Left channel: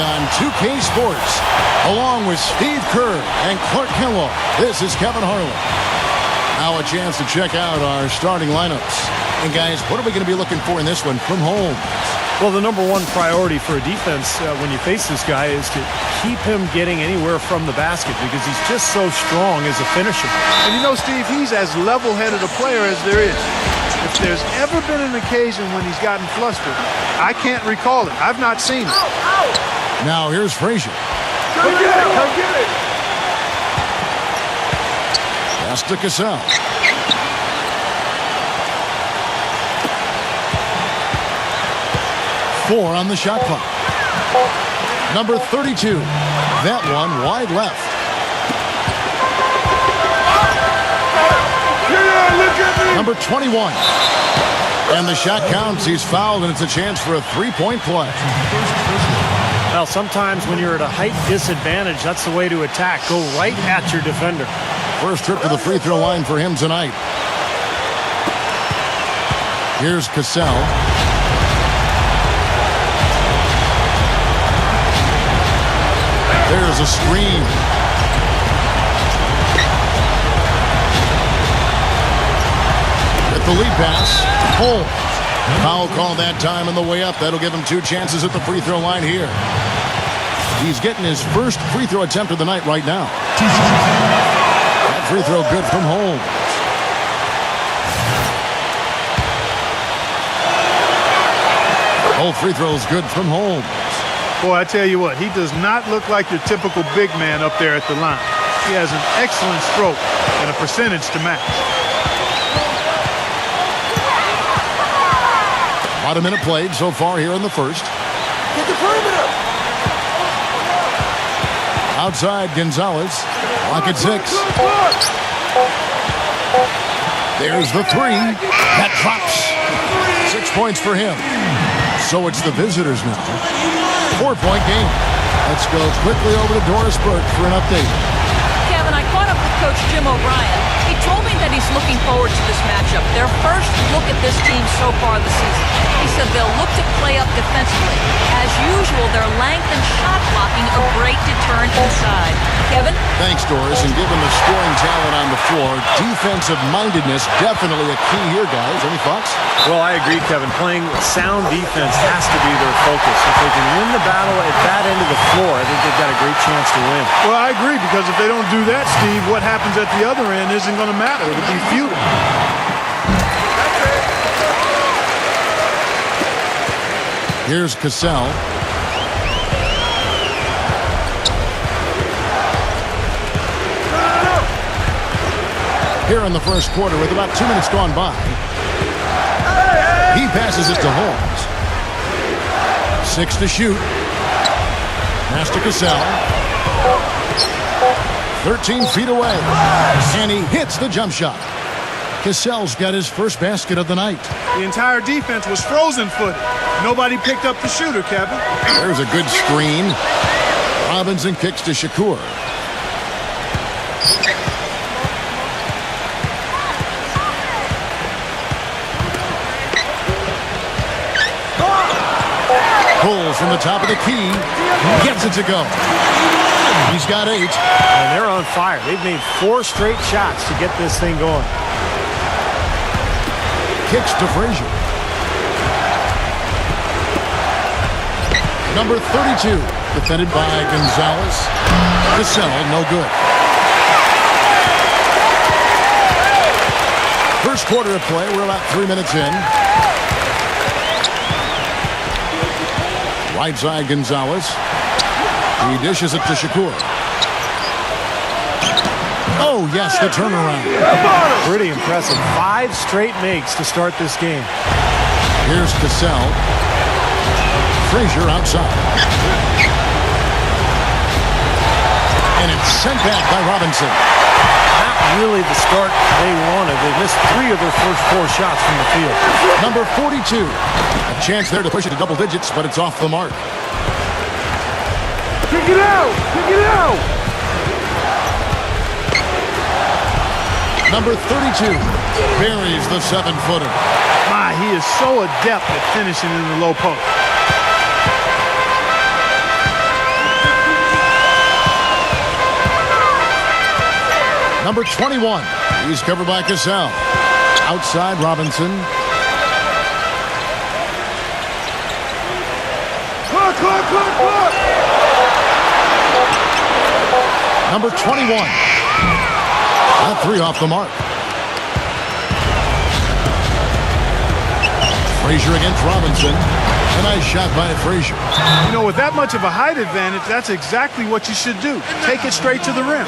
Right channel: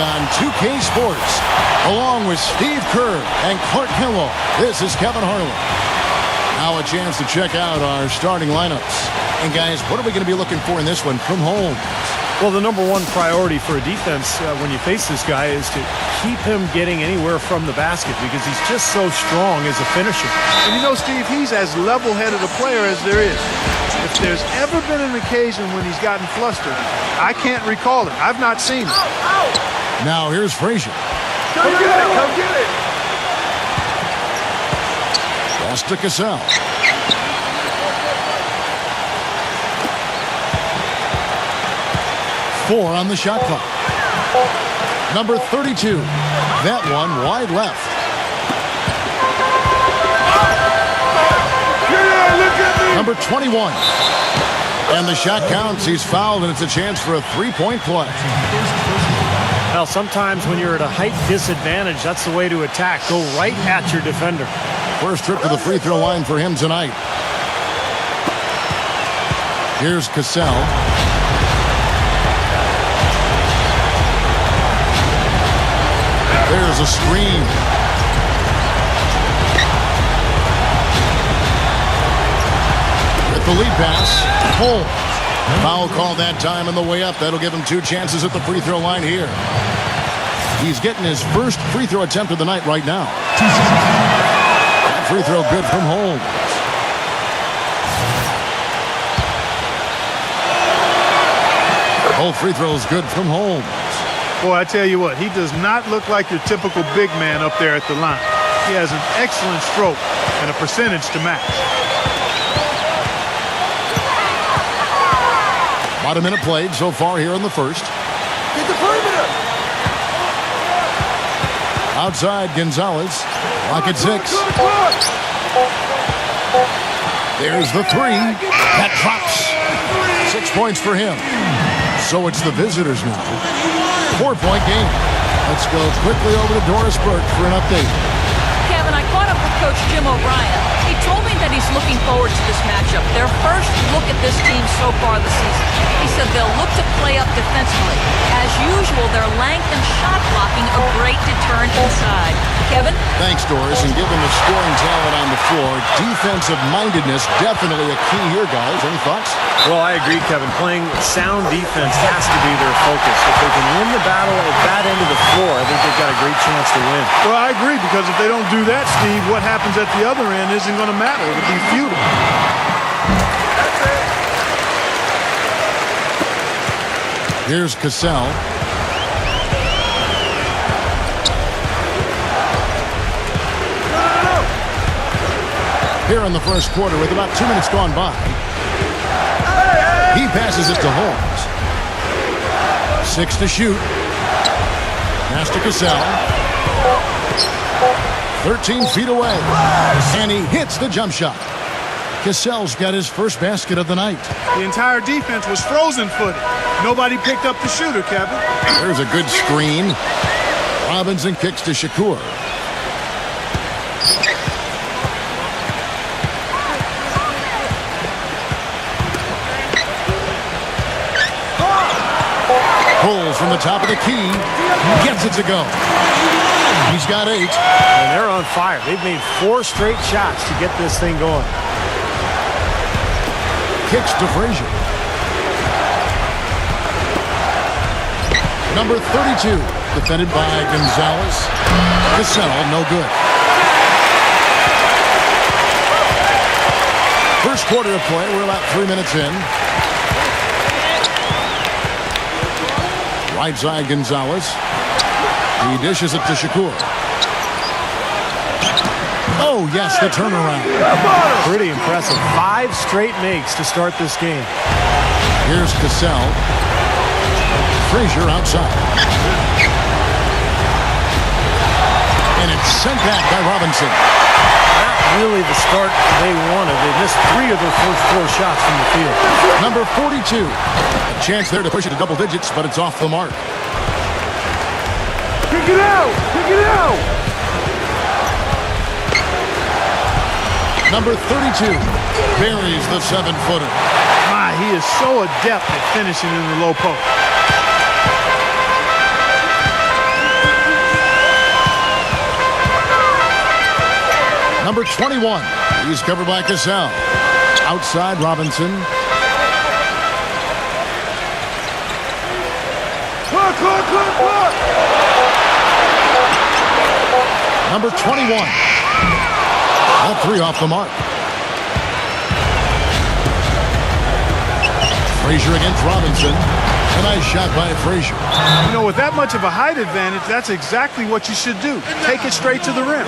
today on 2K Sports. Along with Steve Kerr and Clark Kellogg, this is Kevin Harlan. Now a chance to check out our starting lineups. And guys, what are we going to be looking for in this one from Holmes? Well, the number one priority for a defense when you face this guy is to keep him getting anywhere from the basket because he's just so strong as a finisher. And you know, Steve, he's as level-headed a player as there is. If there's ever been an occasion when he's gotten flustered, I can't recall it. I've not seen it. Now here's Frazier. Come get it! Come get it! Pass to Cassell. Four on the shot clock. Number 32. That one wide left. Yeah, look at me! Number 21. And the shot counts. He's fouled, and it's a chance for a three-point play. Well, sometimes when you're at a height disadvantage, that's the way to attack. Go right at your defender. First trip to the free throw line for him tonight. Here's Cassell. There's a screen. With the lead pass, Holmes. Foul call that time on the way up. That'll give him two chances at the free throw line here. He's getting his first free throw attempt of the night right now. That free throw good from Holmes. Both free throws good from Holmes. Boy, I tell you what, he does not look like your typical big man up there at the line. He has an excellent stroke and a percentage to match. About a minute played so far here in the first. Hit the perimeter! Outside Gonzalez. Clock at 6. There's the three. That drops. 6 points for him. So it's the visitors now. 4-point game. Let's go quickly over to Doris Burke for an update. Kevin, I caught up with Coach Jim O'Brien. He told me that he's looking forward to this matchup. Their first look at this team so far this season. He said they'll look to play up defensively. As usual, their length and shot blocking a great deterrent inside. Kevin? Thanks, Doris. And given the scoring talent on the floor, defensive mindedness definitely a key here, guys. Any thoughts? Well, I agree, Kevin. Playing sound defense has to be their focus. If they can win the battle at that end of the floor, I think they've got a great chance to win. Well, I agree, because if they don't do that, Steve, what happens at the other end isn't going to matter. It'll be futile. That's it. Here's Cassell. Here in the first quarter with about 2 minutes gone by. He passes it to Holmes. 6 to shoot. Pass to Cassell. 13 feet away. And he hits the jump shot. Cassell's got his first basket of the night. The entire defense was frozen-footed. Nobody picked up the shooter, Kevin. There's a good screen. Robinson kicks to Shakur. Pulls from the top of the key. Gets it to go. He's got 8. And they're on fire. They've made 4 straight shots to get this thing going. Kicks to Frazier. Number 32. Defended by Gonzalez. Cassell, no good. First quarter of play. We're about 3 minutes in. Right side Gonzalez. He dishes it to Shakur. Oh, yes, the turnaround. Pretty impressive. 5 straight makes to start this game. Here's Cassell. Frazier outside. And it's sent back by Robinson. Not really the start they wanted. They missed 3 of their first 4 shots from the field. Number 42. A chance there to push it to double digits, but it's off the mark. Kick it out! Kick it out! Number 32 buries the 7-footer. My, he is so adept at finishing in the low post. Number 21. He's covered by Cassell. Outside Robinson. Clock. Number 21. That three off the mark. Frazier against Robinson. A nice shot by Frazier. You know, with that much of a height advantage, that's exactly what you should do. Take it straight to the rim.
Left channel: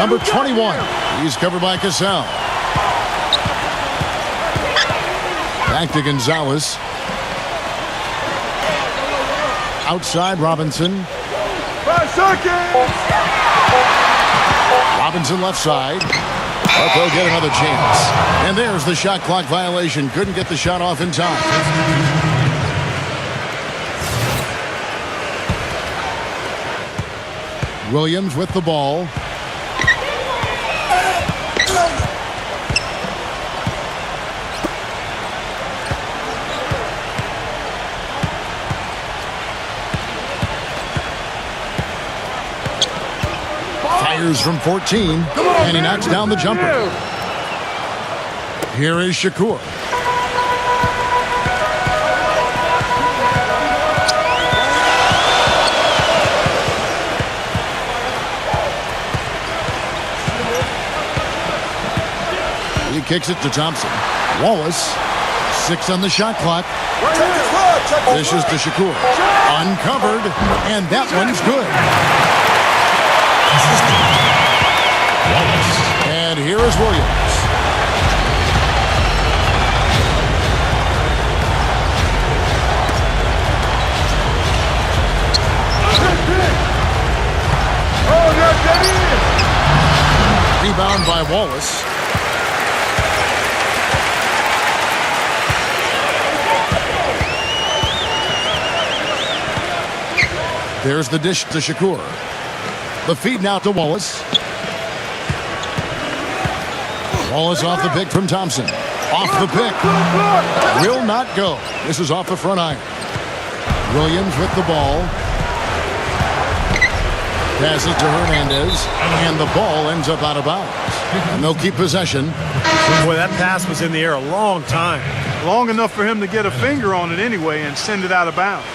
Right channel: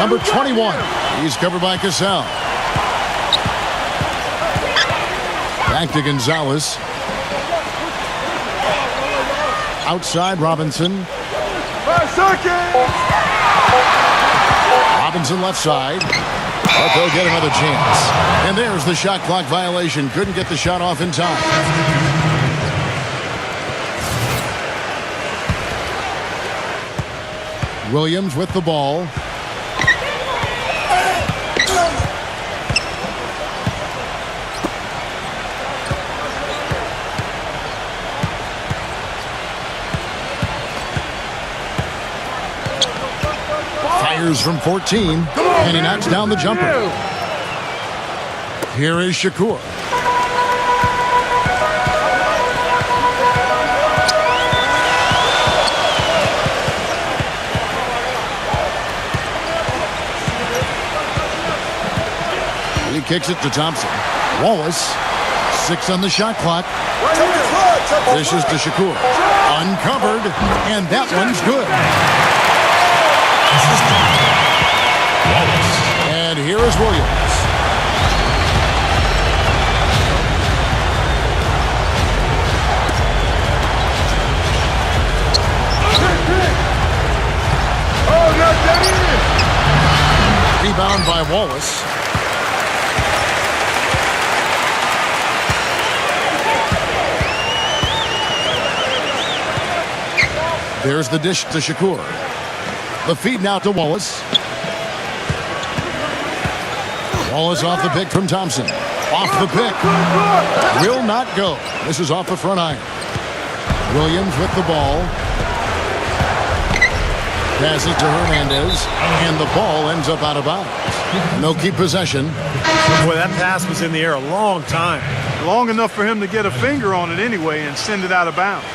Number 21. He's covered by Cassell. Back to Gonzalez. Outside Robinson. 5 seconds. Robinson left side. But they'll get another chance. And there's the shot clock violation. Couldn't get the shot off in time. Williams with the ball. Fires from 14, and he knocks down the jumper. Here is Shakur. He kicks it to Thompson. Wallace, 6 on the shot clock. This is to Shakur. Uncovered, and that one's good. And here is Williams. Oh, not that in. Rebound by Wallace. There's the dish to Shakur. The feed now to Wallace. Wallace off the pick from Thompson. Off the pick. Will not go. This is off the front iron. Williams with the ball. Passes to Hernandez. And the ball ends up out of bounds. And they'll keep possession. Boy, that pass was in the air a long time. Long enough for him to get a finger on it anyway and send it out of bounds.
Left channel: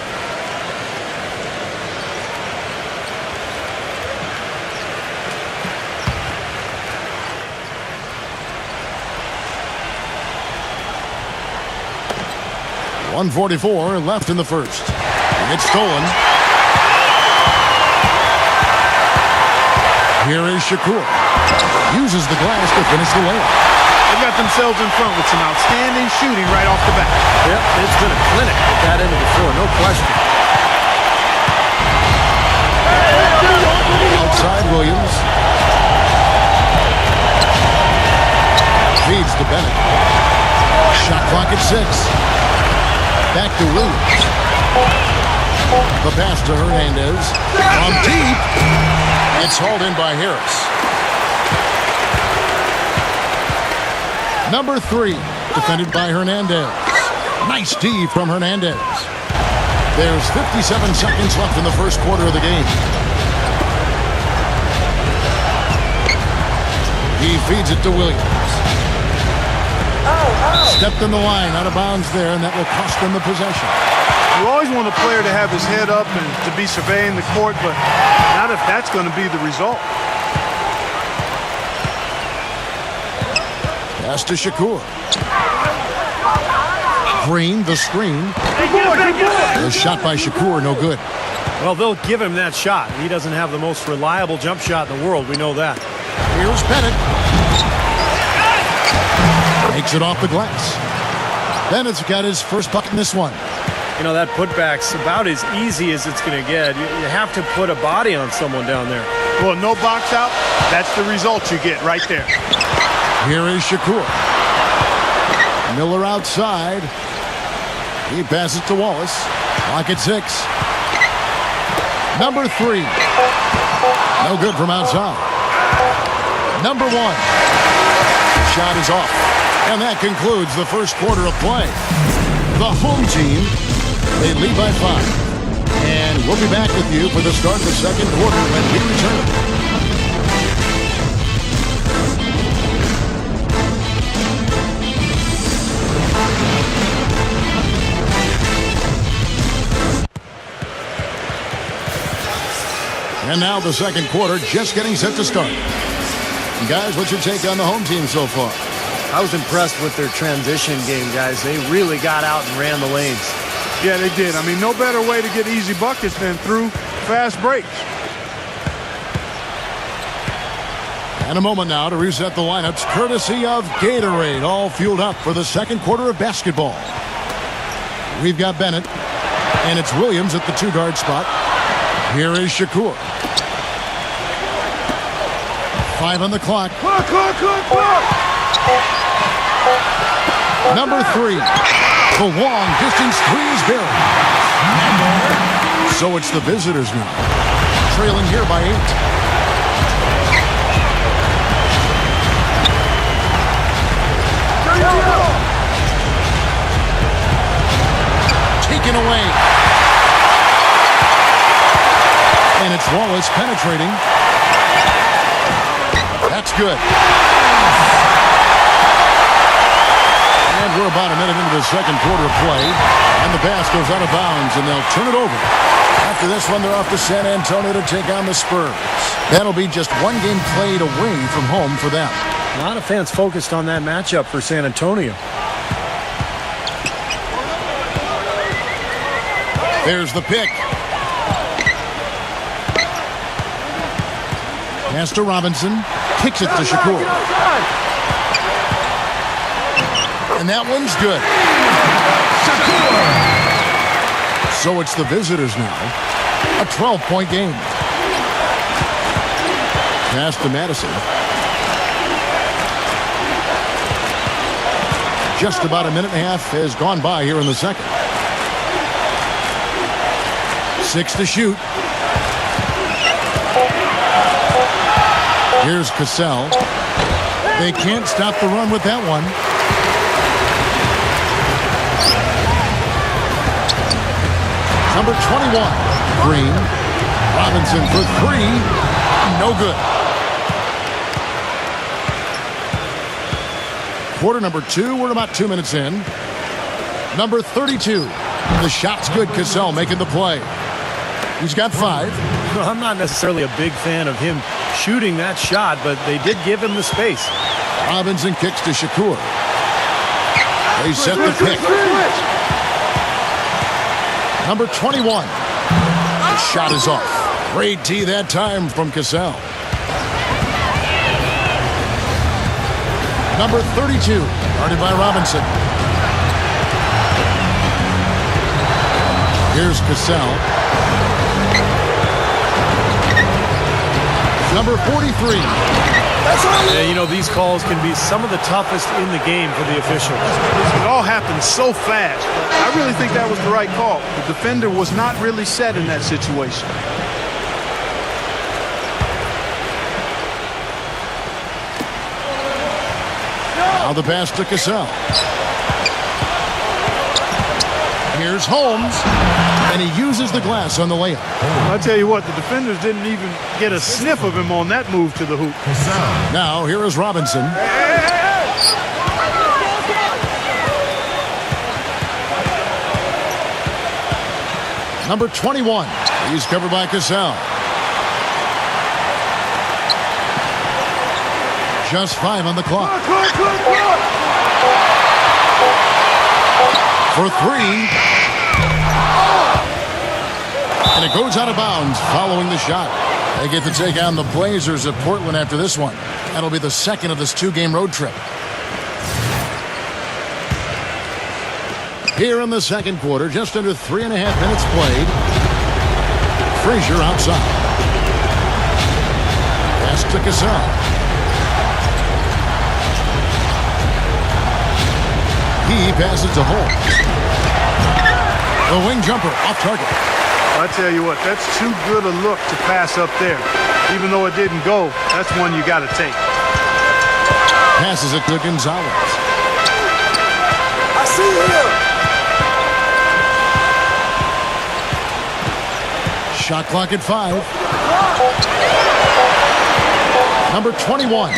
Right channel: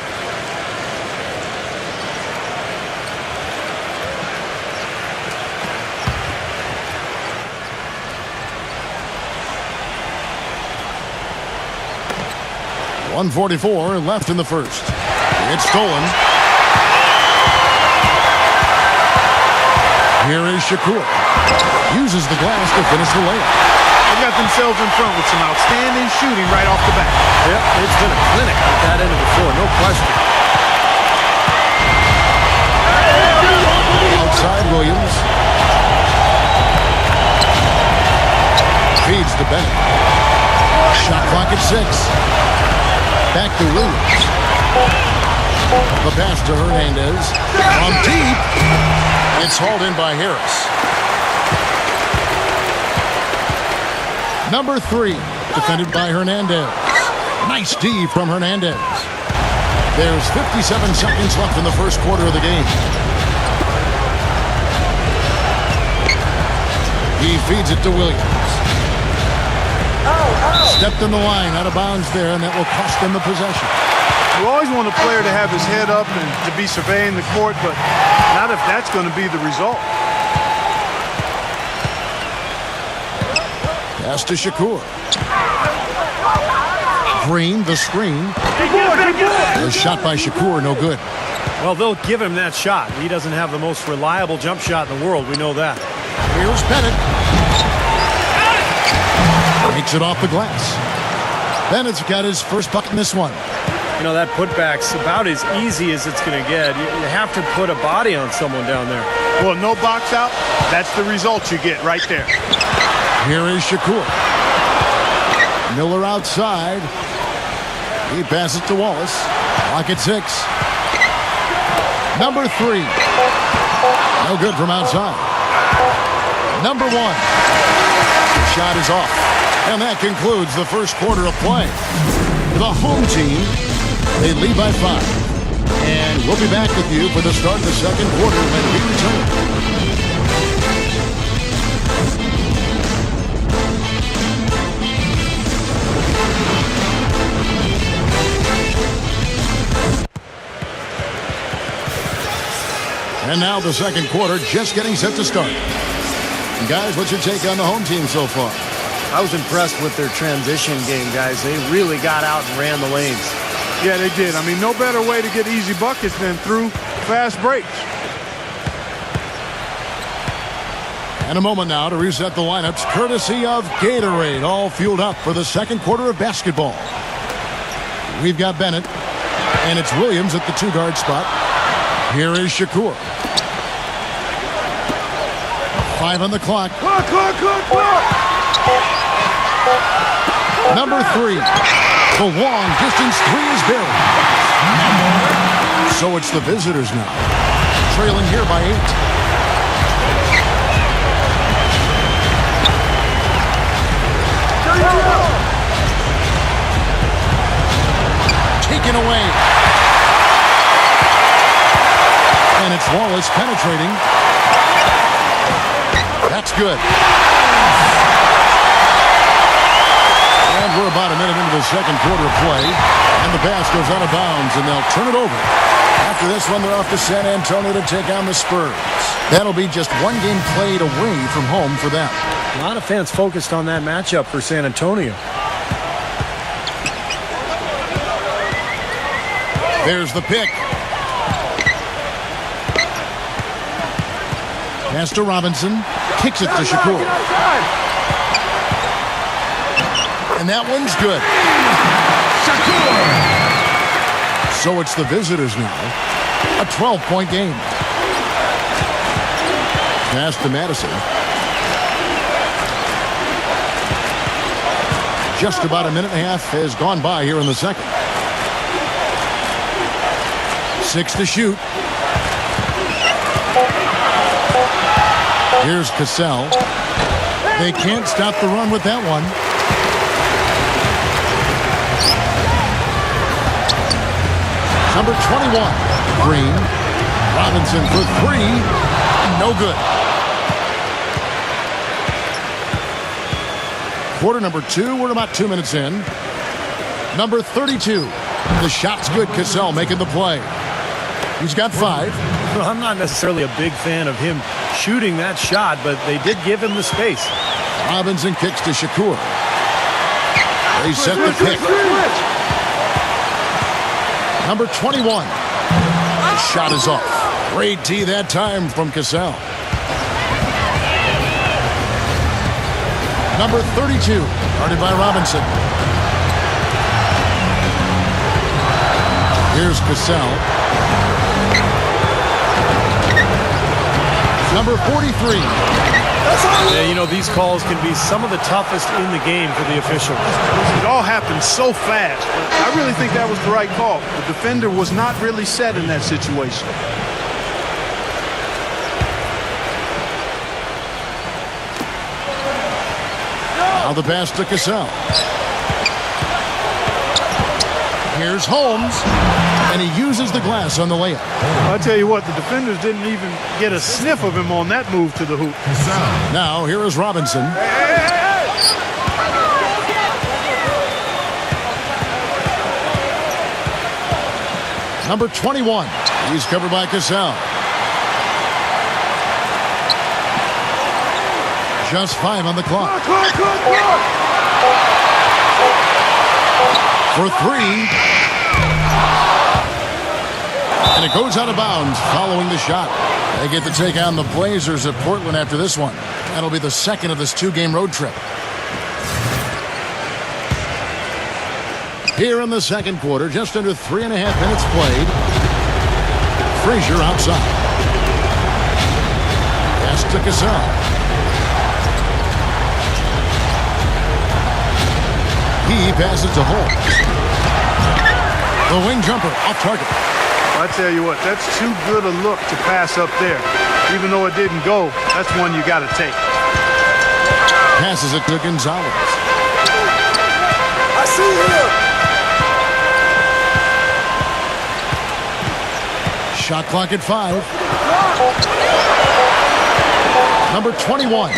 .144 left in the first. It's stolen. Here is Shakur. Uses the glass to finish the layup. They got themselves in front with some outstanding shooting right off the bat. Yep, it's been a clinic at that end of the floor, no question. Outside Williams. Feeds to Bennett. Shot clock at 6. Back to Williams. The pass to Hernandez. From deep. It's hauled in by Harris. Number 3. Defended by Hernandez. Nice D from Hernandez. There's 57 seconds left in the first quarter of the game. He feeds it to Williams. Stepped in the line, out of bounds there, and that will cost them the possession. You always want a player to have his head up and to be surveying the court, but not if that's going to be the result. Pass to Shakur. Green, the screen. The shot by Shakur, no good. Well, they'll give him that shot. He doesn't have the most reliable jump shot in the world. We know that. Here's Bennett. Makes it off the glass. Bennett's got his first bucket in this one. You know, that putback's about as easy as it's going to get. You have to put a body on someone down there. Well, no box out. That's the result you get right there. Here is Shakur. Miller outside. He passes to Wallace. Clock at 6. Number 3. No good from outside. Number 1. The shot is off. And that concludes the first quarter of play. The home team, they lead by 5. And we'll be back with you for the start of the second quarter when we return. And now the second quarter just getting set to start. And guys, what's your take on the home team so far? I was impressed with their transition game, guys. They really got out and ran the lanes. Yeah, they did. I mean, no better way to get easy buckets than through fast breaks. And a moment now to reset the lineups, courtesy of Gatorade, all fueled up for the second quarter of basketball. We've got Bennett, and it's Williams at the 2-guard spot. Here is Shakur. 5 on the clock. Clock. Number 3. The long distance 3 is buried. So it's the visitors now, trailing here by 8. Taken away. And it's Wallace penetrating. That's good. And we're about a minute into the second quarter of play. And the pass goes out of bounds, and they'll turn it over. After this one, they're off to San Antonio to take on the Spurs. That'll be just one game played away from home for them. A lot of fans focused on that matchup for San Antonio. There's the pick. Pass to Robinson. Kicks it to Shakur. And that one's good. So it's the visitors now. A 12-point game. Pass to Madison. Just about a minute and a half has gone by here in the second. 6 to shoot. Here's Cassell. They can't stop the run with that one. Number 21, Green. Robinson for 3. No good. Quarter number 2. We're about 2 minutes in. Number 32. The shot's good. Cassell making the play. He's got 5. Well, I'm not necessarily a big fan of him shooting that shot, but they did give him the space. Robinson kicks to Shakur. They set the pick. Number 21. The shot is off. Great tee that time from Cassell. Number 32. Guarded by Robinson. Here's Cassell. Number 43. Yeah, you know, these calls can be some of the toughest in the game for the officials. It all happened so fast, but I really think that was the right call. The defender was not really set in that situation. Now the pass to Cassell. Here's Holmes, and he uses the glass on the layup. Well, I tell you what, the defenders didn't even get a sniff of him on that move to the hoop. Now here is Robinson. Number 21. He's covered by Cassell. Just 5 on the clock. For 3. And it goes out of bounds following the shot. They get to take on the Blazers of Portland after this one. That'll be the second of this 2-game road trip. Here in the second quarter, just under 3.5 minutes played. Frazier outside. Pass to Cassell. He passes to Holmes. The wing jumper off target. Well, I tell you what, that's too good a look to pass up there. Even though it didn't go, that's one you got to take. Passes it to Gonzalez. I see him. Shot clock at 5. Number 21.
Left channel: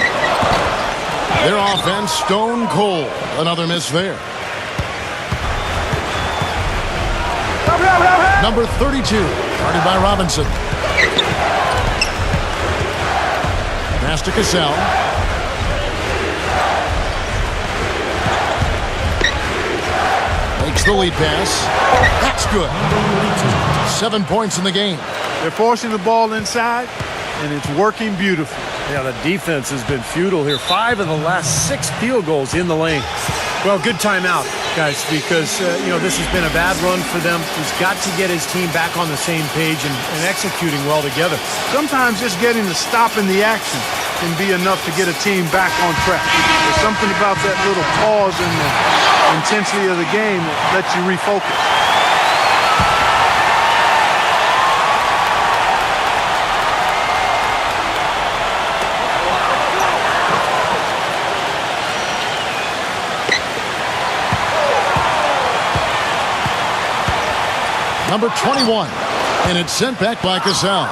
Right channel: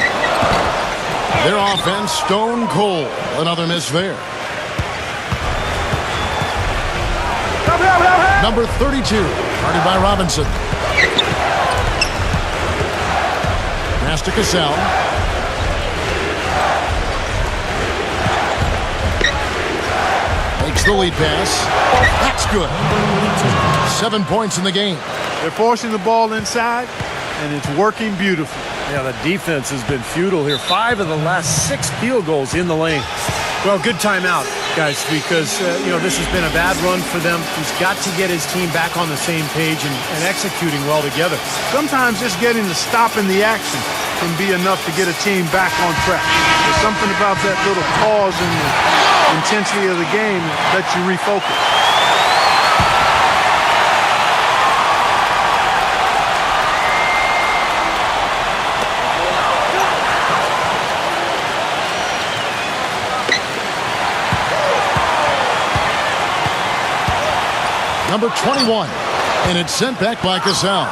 Their offense stone cold. Another miss there. Number 32. Guarded by Robinson. Pass to Cassell. Makes the lead pass. That's good. 7 points in the game. They're forcing the ball inside, and it's working beautifully. Yeah, the defense has been futile here. 5 of the last 6 field goals in the lane. Well, good timeout, guys, because, this has been a bad run for them. He's got to get his team back on the same page and executing well together. Sometimes just getting the stop in the action can be enough to get a team back on track. There's something about that little pause in the intensity of the game that lets you refocus. Number 21. And it's sent back by Cassell.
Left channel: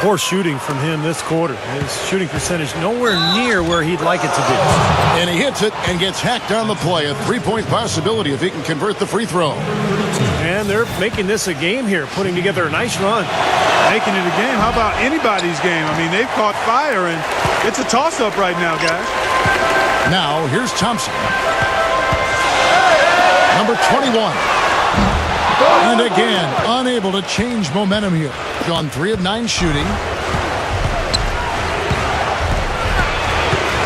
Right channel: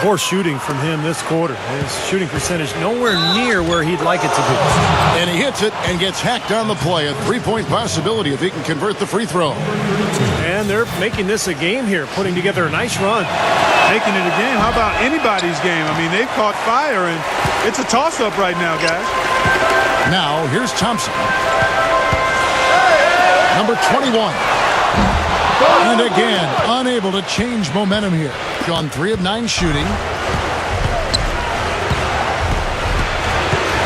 Poor shooting from him this quarter. His shooting percentage nowhere near where he'd like it to be. And he hits it and gets hacked on the play. A 3-point possibility if he can convert the free throw. And they're making this a game here, putting together a nice run. Making it a game? How about anybody's game? I mean, they've caught fire, and it's a toss-up right now, guys. Now, here's Thompson. Number 21. And again, unable to change momentum here. Gone 3 of 9 shooting.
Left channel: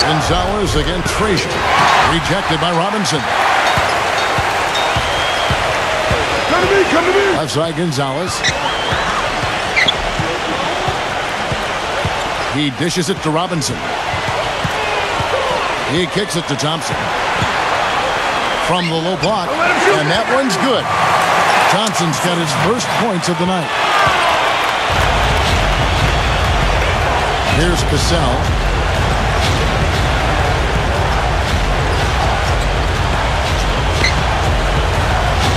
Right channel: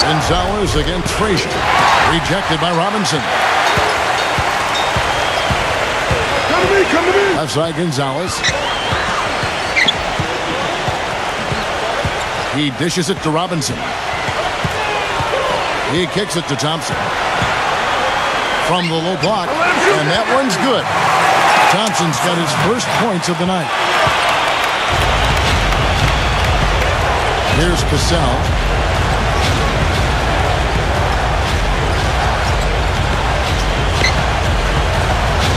Gonzalez against Frazier. Rejected by Robinson. Come to me, come to me. Left side Gonzalez. He dishes it to Robinson. He kicks it to Thompson. From the low block. And that one's good. Thompson's got his first points of the night. Here's Cassell.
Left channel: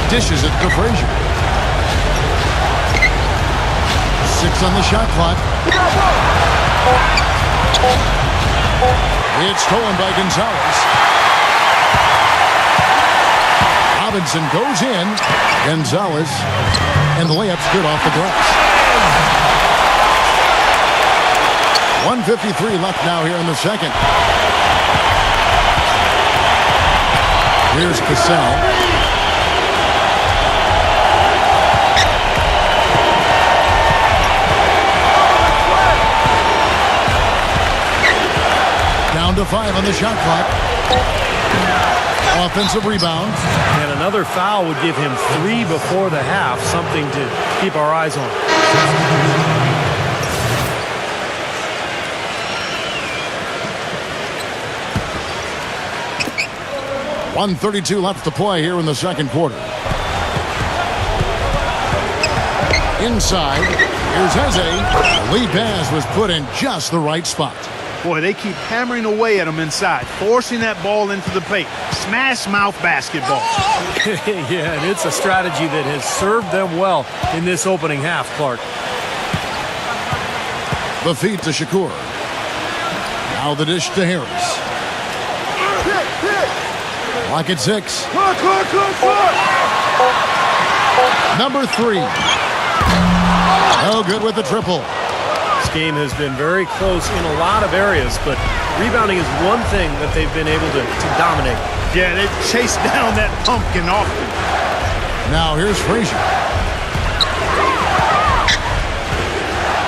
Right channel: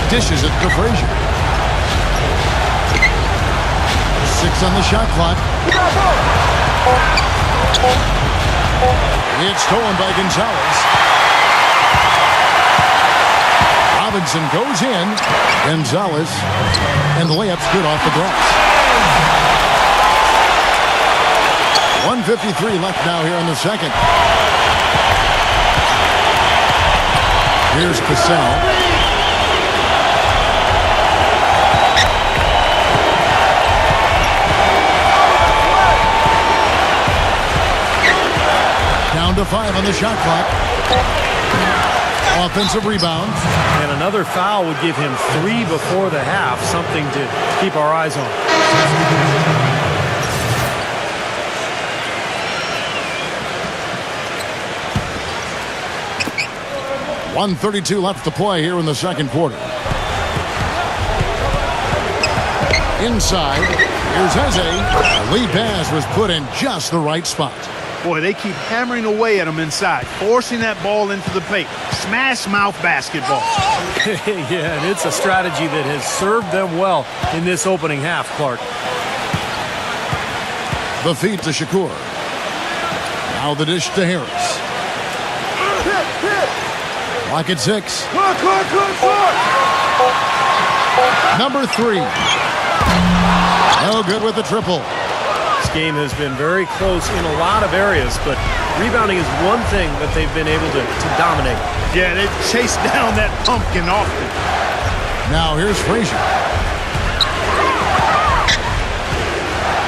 Dishes it to Frazier. 6 on the shot clock. It's stolen by Gonzalez. Robinson goes in. Gonzalez. And the layup's good off the glass. 1:53 left now here in the second. Here's Cassell. Down to 5 on the shot clock. Offensive rebound. And another foul would give him 3 before the half, something to keep our eyes on. .132 left to play here in the second quarter. Inside, here's Eze. The lead pass was put in just the right spot. Boy, they keep hammering away at him inside, forcing that ball into the paint. Smash mouth basketball. Yeah, and it's a strategy that has served them well in this opening half, Clark. The feed to Shakur. Now the dish to Harris. Clock at 6. Clock. Number 3. No good with the triple. This game has been very close in a lot of areas, but rebounding is one thing that they've been able to dominate. Yeah, they've chased down that pumpkin often. Now here's Frazier.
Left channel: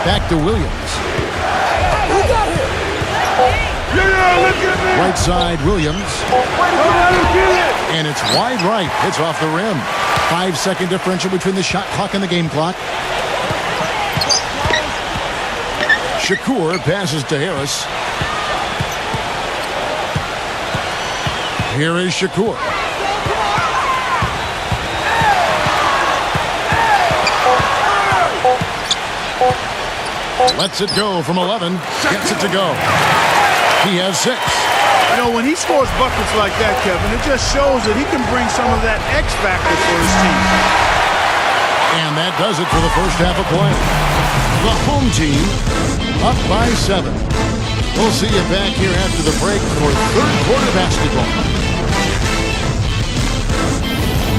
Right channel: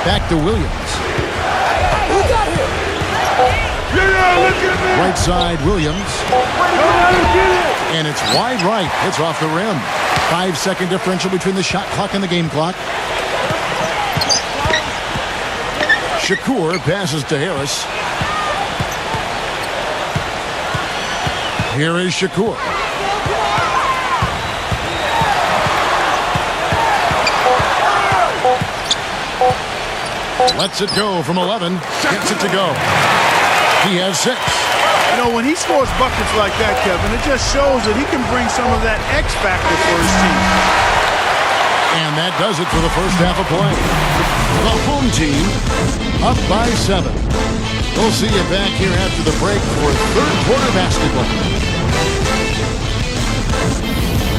Back to Williams. Who got him? Yeah, look at me. Right side, Williams. Get it. And it's wide right. It's off the rim. 5-second differential between the shot clock and the game clock. Shakur passes to Harris. Here is Shakur. Lets it go from 11. Gets it to go. He has 6. You know, when he scores buckets like that, Kevin, it just shows that he can bring some of that X factor for his team. And that does it for the first half of play. The home team up by 7. We'll see you back here after the break for third quarter basketball.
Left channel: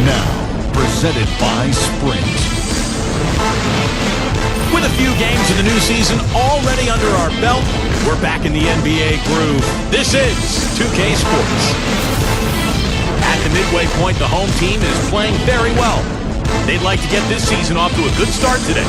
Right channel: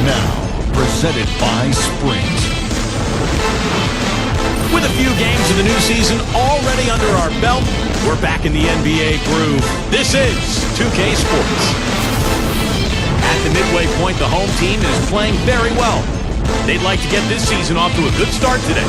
Now, presented by Sprint. With a few games of the new season already under our belt, we're back in the NBA groove. This is 2K Sports. At the midway point, the home team is playing very well. They'd like to get this season off to a good start today.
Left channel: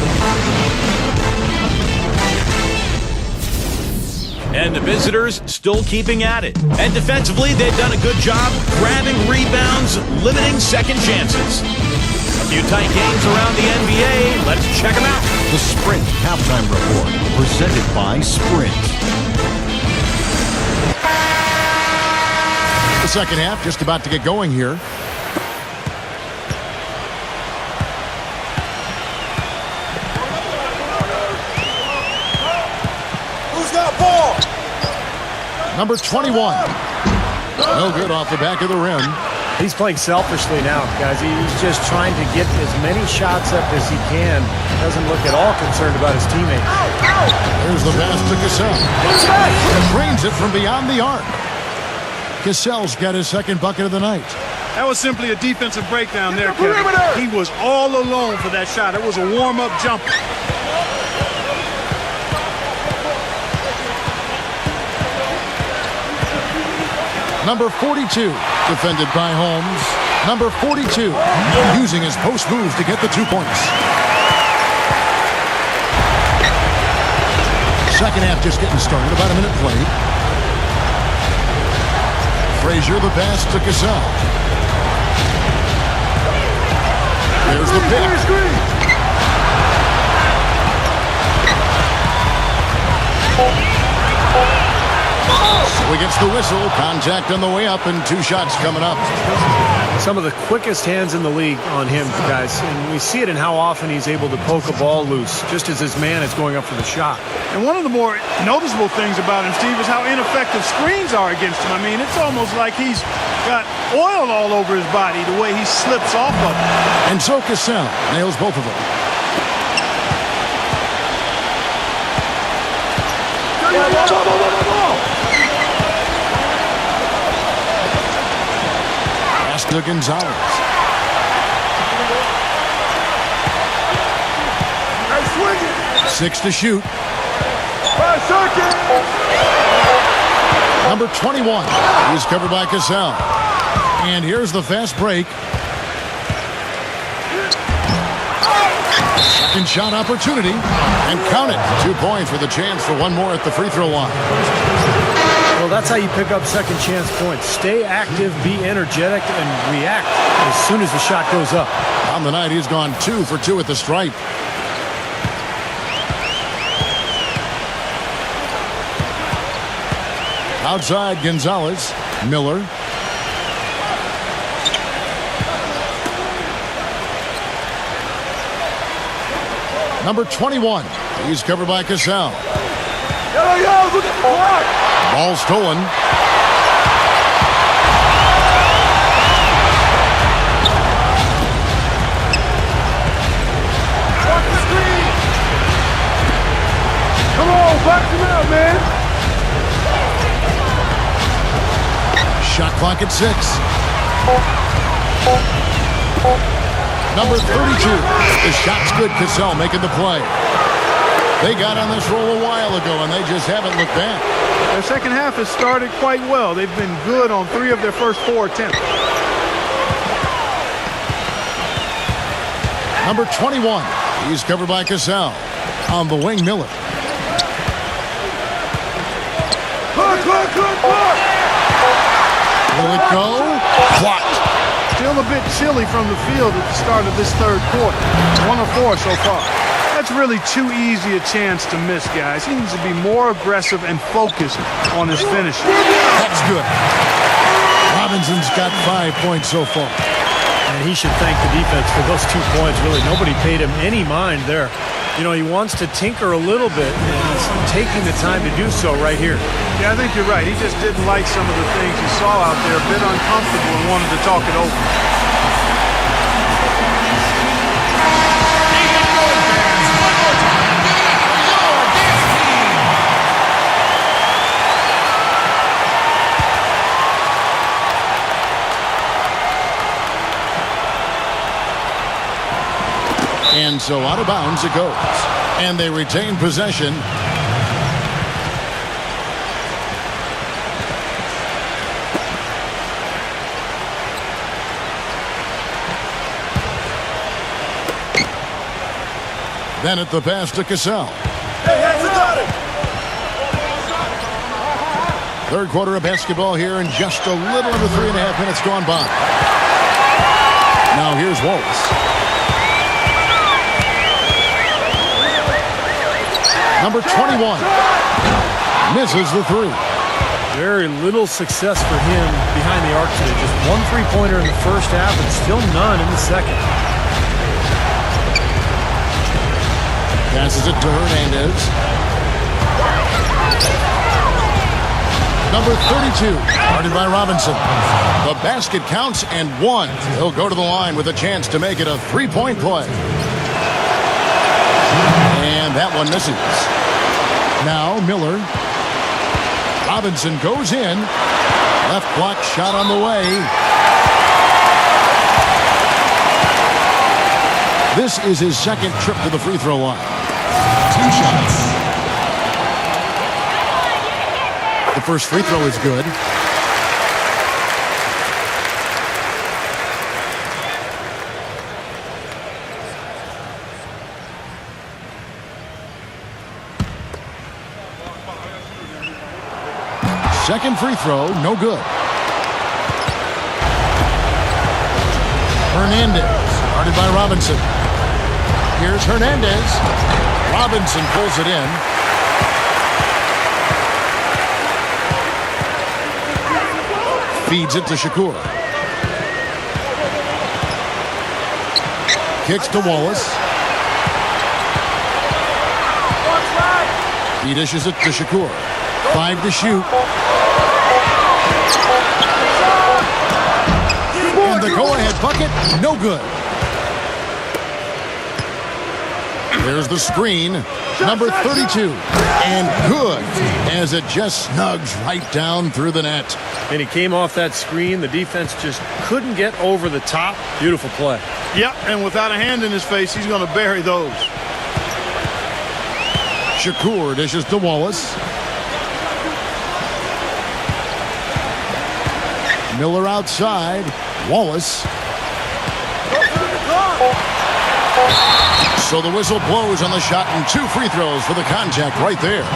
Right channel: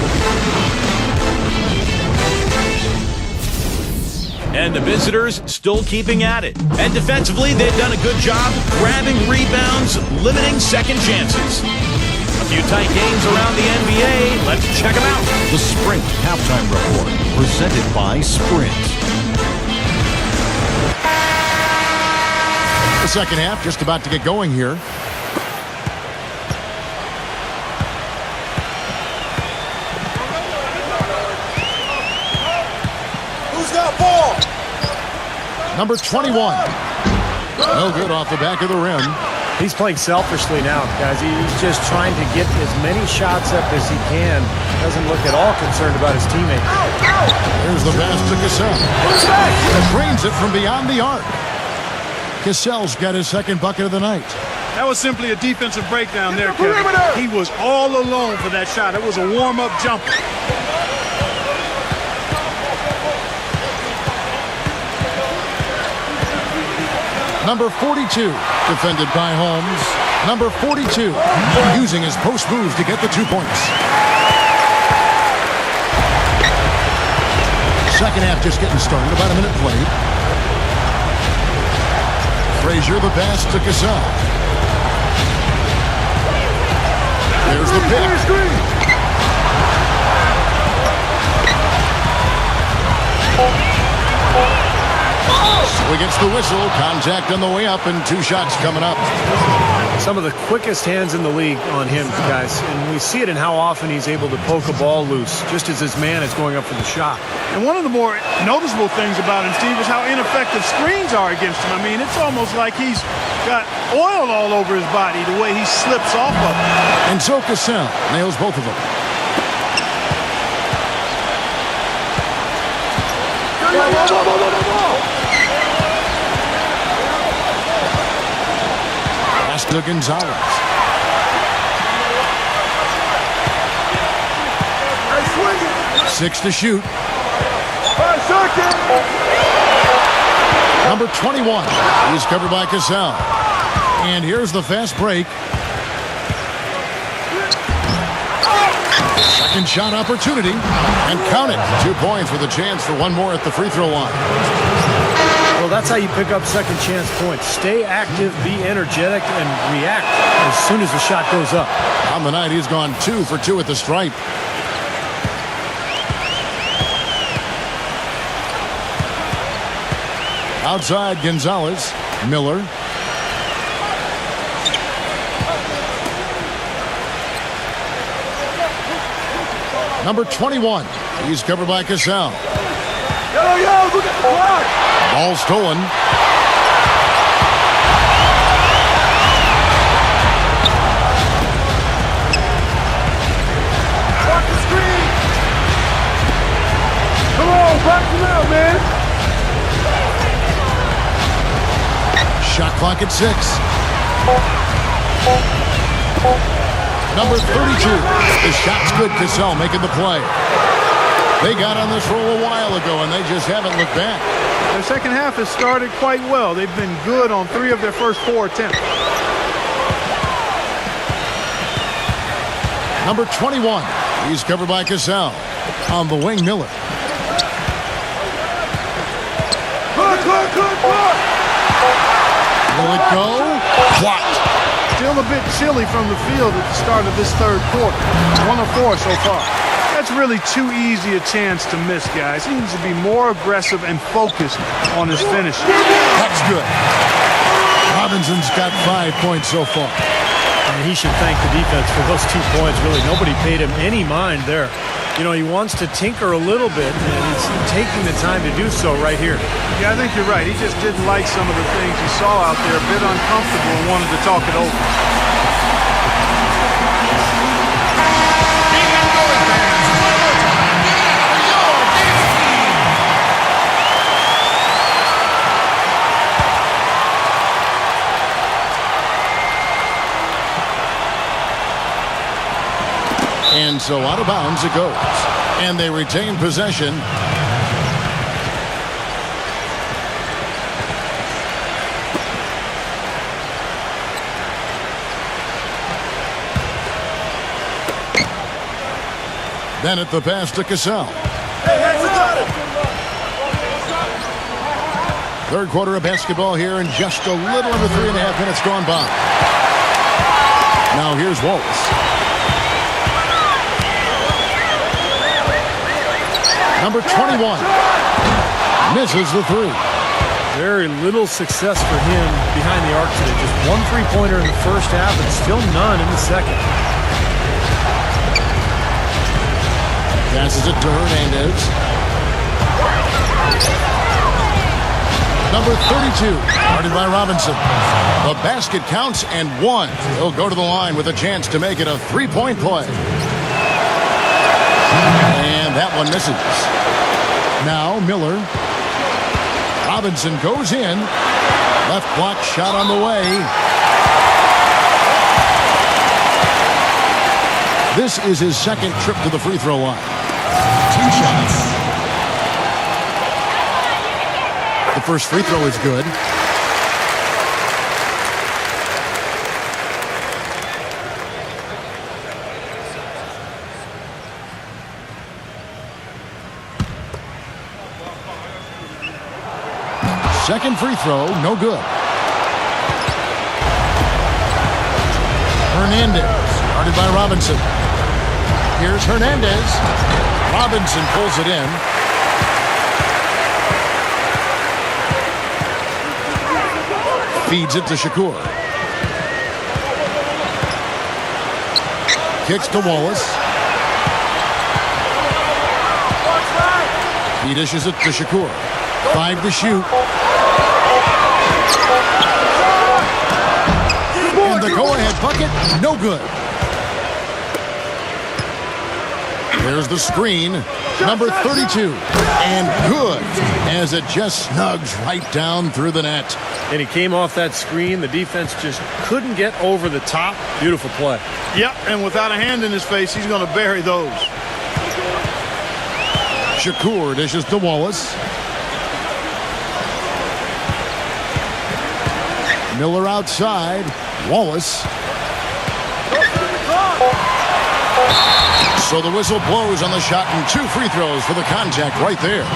And the visitors still keeping at it. And defensively, they've done a good job grabbing rebounds, limiting second chances. A few tight games around the NBA. Let's check them out. The Sprint Halftime Report, presented by Sprint. The second half just about to get going here. Who's got ball? Number 21. No good off the back of the rim. He's playing selfishly now, guys. He's just trying to get as many shots up as he can. Doesn't look at all concerned about his teammates. There's the pass to Cassell. Drains it from beyond the arc. Cassell's got his second bucket of the night. That was simply a defensive breakdown there, Kevin. He was all alone for that shot. It was a warm-up jumper. Number 42, defended by Holmes. Number 42, using his post moves to get the 2 points. Second half just getting started, about a minute played. Frazier, the pass to Cassell. There's the pick. So he gets the whistle. Contact on the way up and 2 shots coming up. Some of the quickest hands in the league on him, guys. And we see it in how often he's able to poke a ball loose just as his man is going up for the shot. And one of the more noticeable things about him, Steve, is how ineffective screens are against him. I mean, it's almost like he's got oil all over his body the way he slips off of them. And so Cassell nails both of them. Pass to Gonzalez. Hey, swing it. 6 to shoot. 5 seconds. Number 21. He's covered by Cassell. And here's the fast break. Second shot opportunity. And count it. 2 points with a chance for one more at the free throw line. Well, that's how you pick up second chance points. Stay active, be energetic, and react as soon as the shot goes up. On the night, he's gone 2 for 2 at the stripe. Outside, Gonzalez. Miller. Number 21. He's covered by Cassell. Yo, look at the clock. Ball stolen. Watch the screen. Come on, box him out, man. Shot clock at 6. Number 32. The shot's good. Cassell making the play. They got on this roll a while ago, and they just haven't looked back. Their second half has started quite well. They've been good on 3 of their first 4 attempts. Number 21. He's covered by Cassell. On the wing, Miller. Clock. Will it go? Blocked. Still a bit chilly from the field at the start of this third quarter. 1 of 4 so far. That's really too easy a chance to miss, guys. He needs to be more aggressive and focused on his finish. That's good. Robinson's got 5 points so far. And he should thank the defense for those 2 points. Really, nobody paid him any mind there. You know, he wants to tinker a little bit, and he's taking the time to do so right here. Yeah, I think you're right. He just didn't like some of the things he saw out there, a bit uncomfortable, and wanted to talk it over. And so out of bounds it goes. And they retain possession. Bennett the pass to Cassell. Hey, we got him. Third quarter of basketball here, and just a little under 3.5 minutes gone by. Now here's Wallace. Number 21 misses the three. Very little success for him behind the arc today. Just one three-pointer in the first half and still none in the second. Passes it to Hernandez. Number 32, guarded by Robinson. The basket counts and one. He'll go to the line with a chance to make it a three-point play. And that one misses. Now Miller. Robinson goes in. Left block shot on the way. This is his second trip to the free throw line. The first free throw is good. Second free throw, no good. Hernandez, guarded by Robinson. Here's Hernandez. Robinson pulls it in. Feeds it to Shakur. Kicks to Wallace. He dishes it to Shakur. 5 to shoot. And the go-ahead bucket, no good. There's the screen, number 32, and good, as it just snugs right down through the net. And he came off that screen. The defense just couldn't get over the top. Beautiful play. Yep, and without a hand in his face, he's going to bury those. Shakur dishes to Wallace. Miller outside. Wallace. So the whistle blows on the shot, and 2 free throws for the contact right there.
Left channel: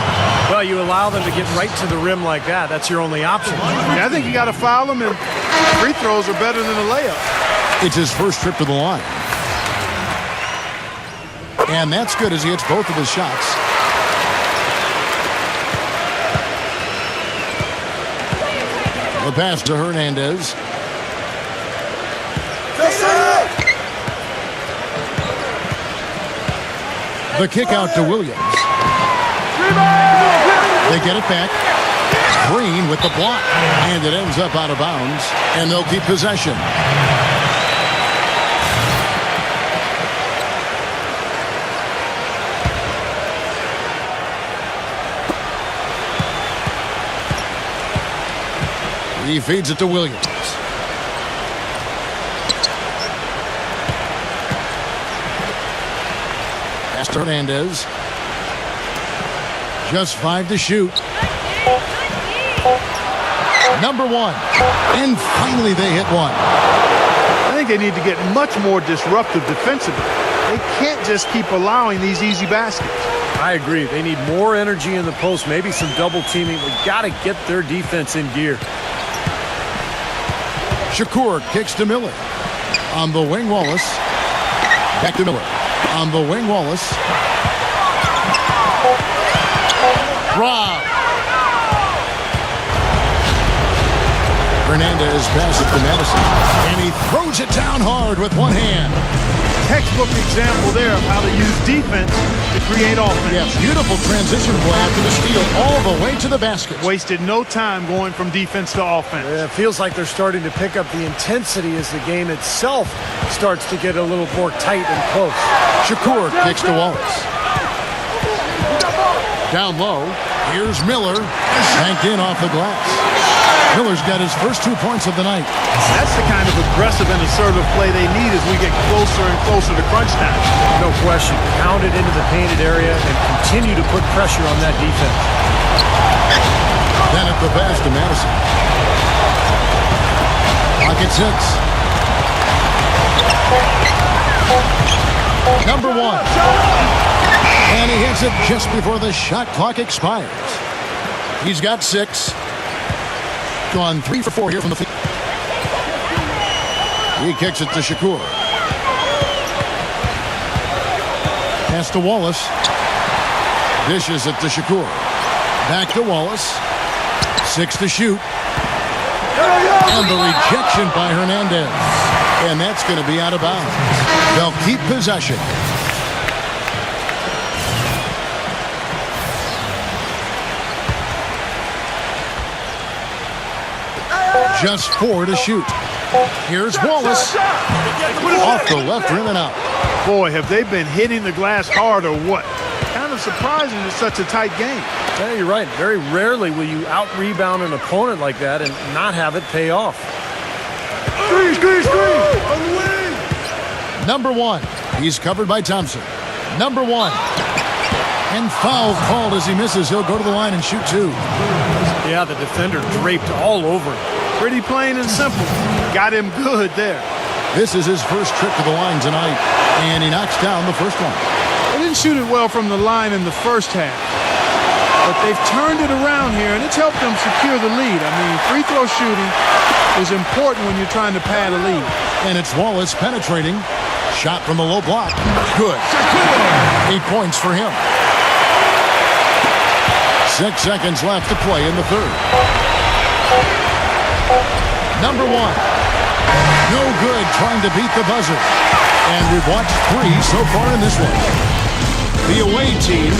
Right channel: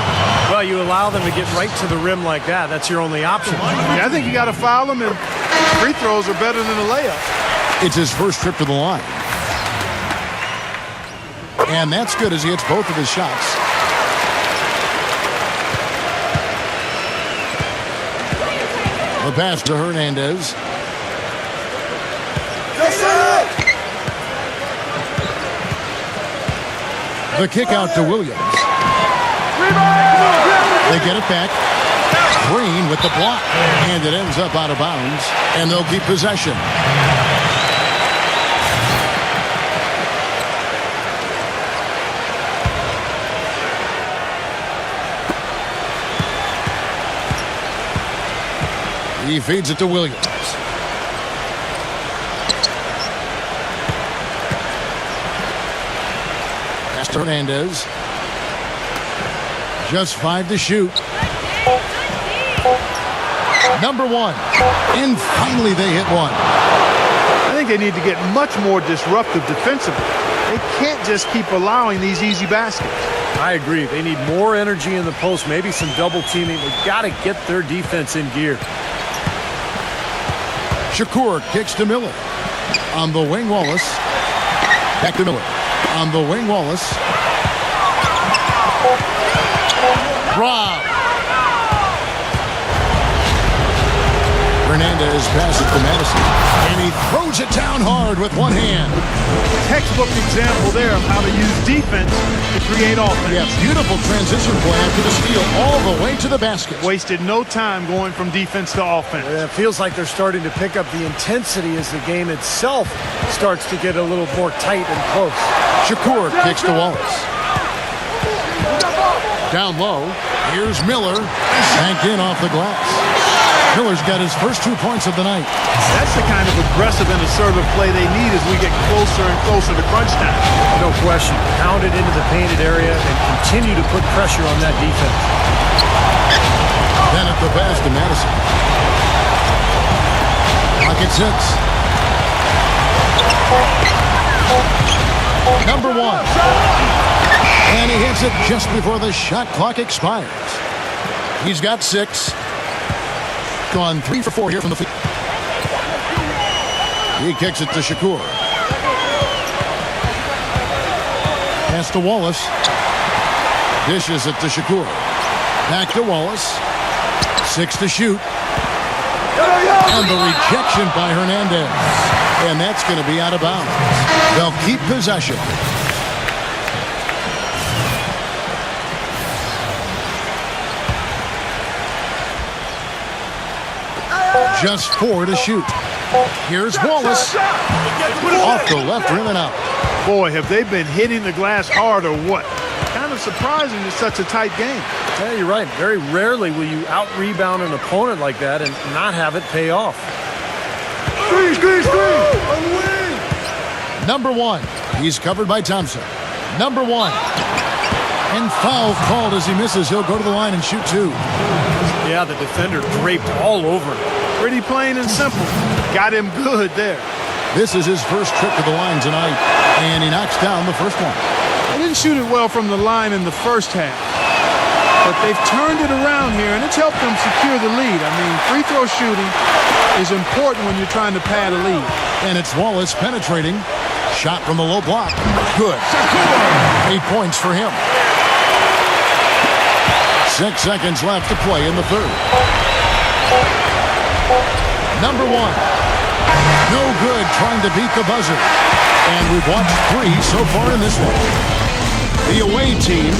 Well, you allow them to get right to the rim like that. That's your only option. Yeah, I think you got to foul him, and free throws are better than a layup. It's his first trip to the line. And that's good as he hits both of his shots. The pass to Hernandez. The kick out to Williams. They get it back. Green with the block. And it ends up out of bounds. And they'll keep possession. He feeds it to Williams. Pass to Hernandez. Just 5 to shoot. Number 1. And finally they hit one. I think they need to get much more disruptive defensively. They can't just keep allowing these easy baskets. I agree. They need more energy in the post, maybe some double teaming. We've got to get their defense in gear. Shakur kicks to Miller. On the wing, Wallace. Back to Miller. On the wing, Wallace. Rob. Hernandez passes to Madison. And he throws it down hard with one hand. Textbook example there of how to use defense to create offense. Yeah, beautiful transition play after the steal all the way to the basket. Wasted no time going from defense to offense. It feels like they're starting to pick up the intensity as the game itself starts to get a little more tight and close. Shakur kicks to Wallace. Down low, here's Miller. Banked in off the glass. Miller's got his first 2 points of the night. That's the kind of aggressive and assertive play they need as we get closer and closer to crunch time. No question. Pound it into the painted area and continue to put pressure on that defense. Then at the pass to Madison. Pocket 6. Number 1. And he hits it just before the shot clock expires. He's got 6. Gone 3 for 4 here from the field. He kicks it to Shakur. Pass to Wallace. Dishes it to Shakur. Back to Wallace. 6 to shoot. And the rejection by Hernandez. And that's going to be out of bounds. They'll keep possession. Just 4 to shoot. Here's Wallace. Off the left rim and out. Boy, have they been hitting the glass hard or what? Kind of surprising it's such a tight game. Yeah, you're right. Very rarely will you out-rebound an opponent like that and not have it pay off. Screen! On the wing! Number 1. He's covered by Thompson. Number 1. And foul called as he misses. He'll go to the line and shoot 2. Yeah, the defender draped all over him. Pretty plain and simple. Got him good there. This is his first trip to the line tonight, and he knocks down the first one. They didn't shoot it well from the line in the first half, but they've turned it around here, and it's helped them secure the lead. I mean, free throw shooting is important when you're trying to pad a lead. And it's Wallace penetrating. Shot from the low block. Good. 8 points for him. 6 seconds left to play in the third. Number 1. No good trying to beat the buzzer. And we've watched 3 so far in this one. The away team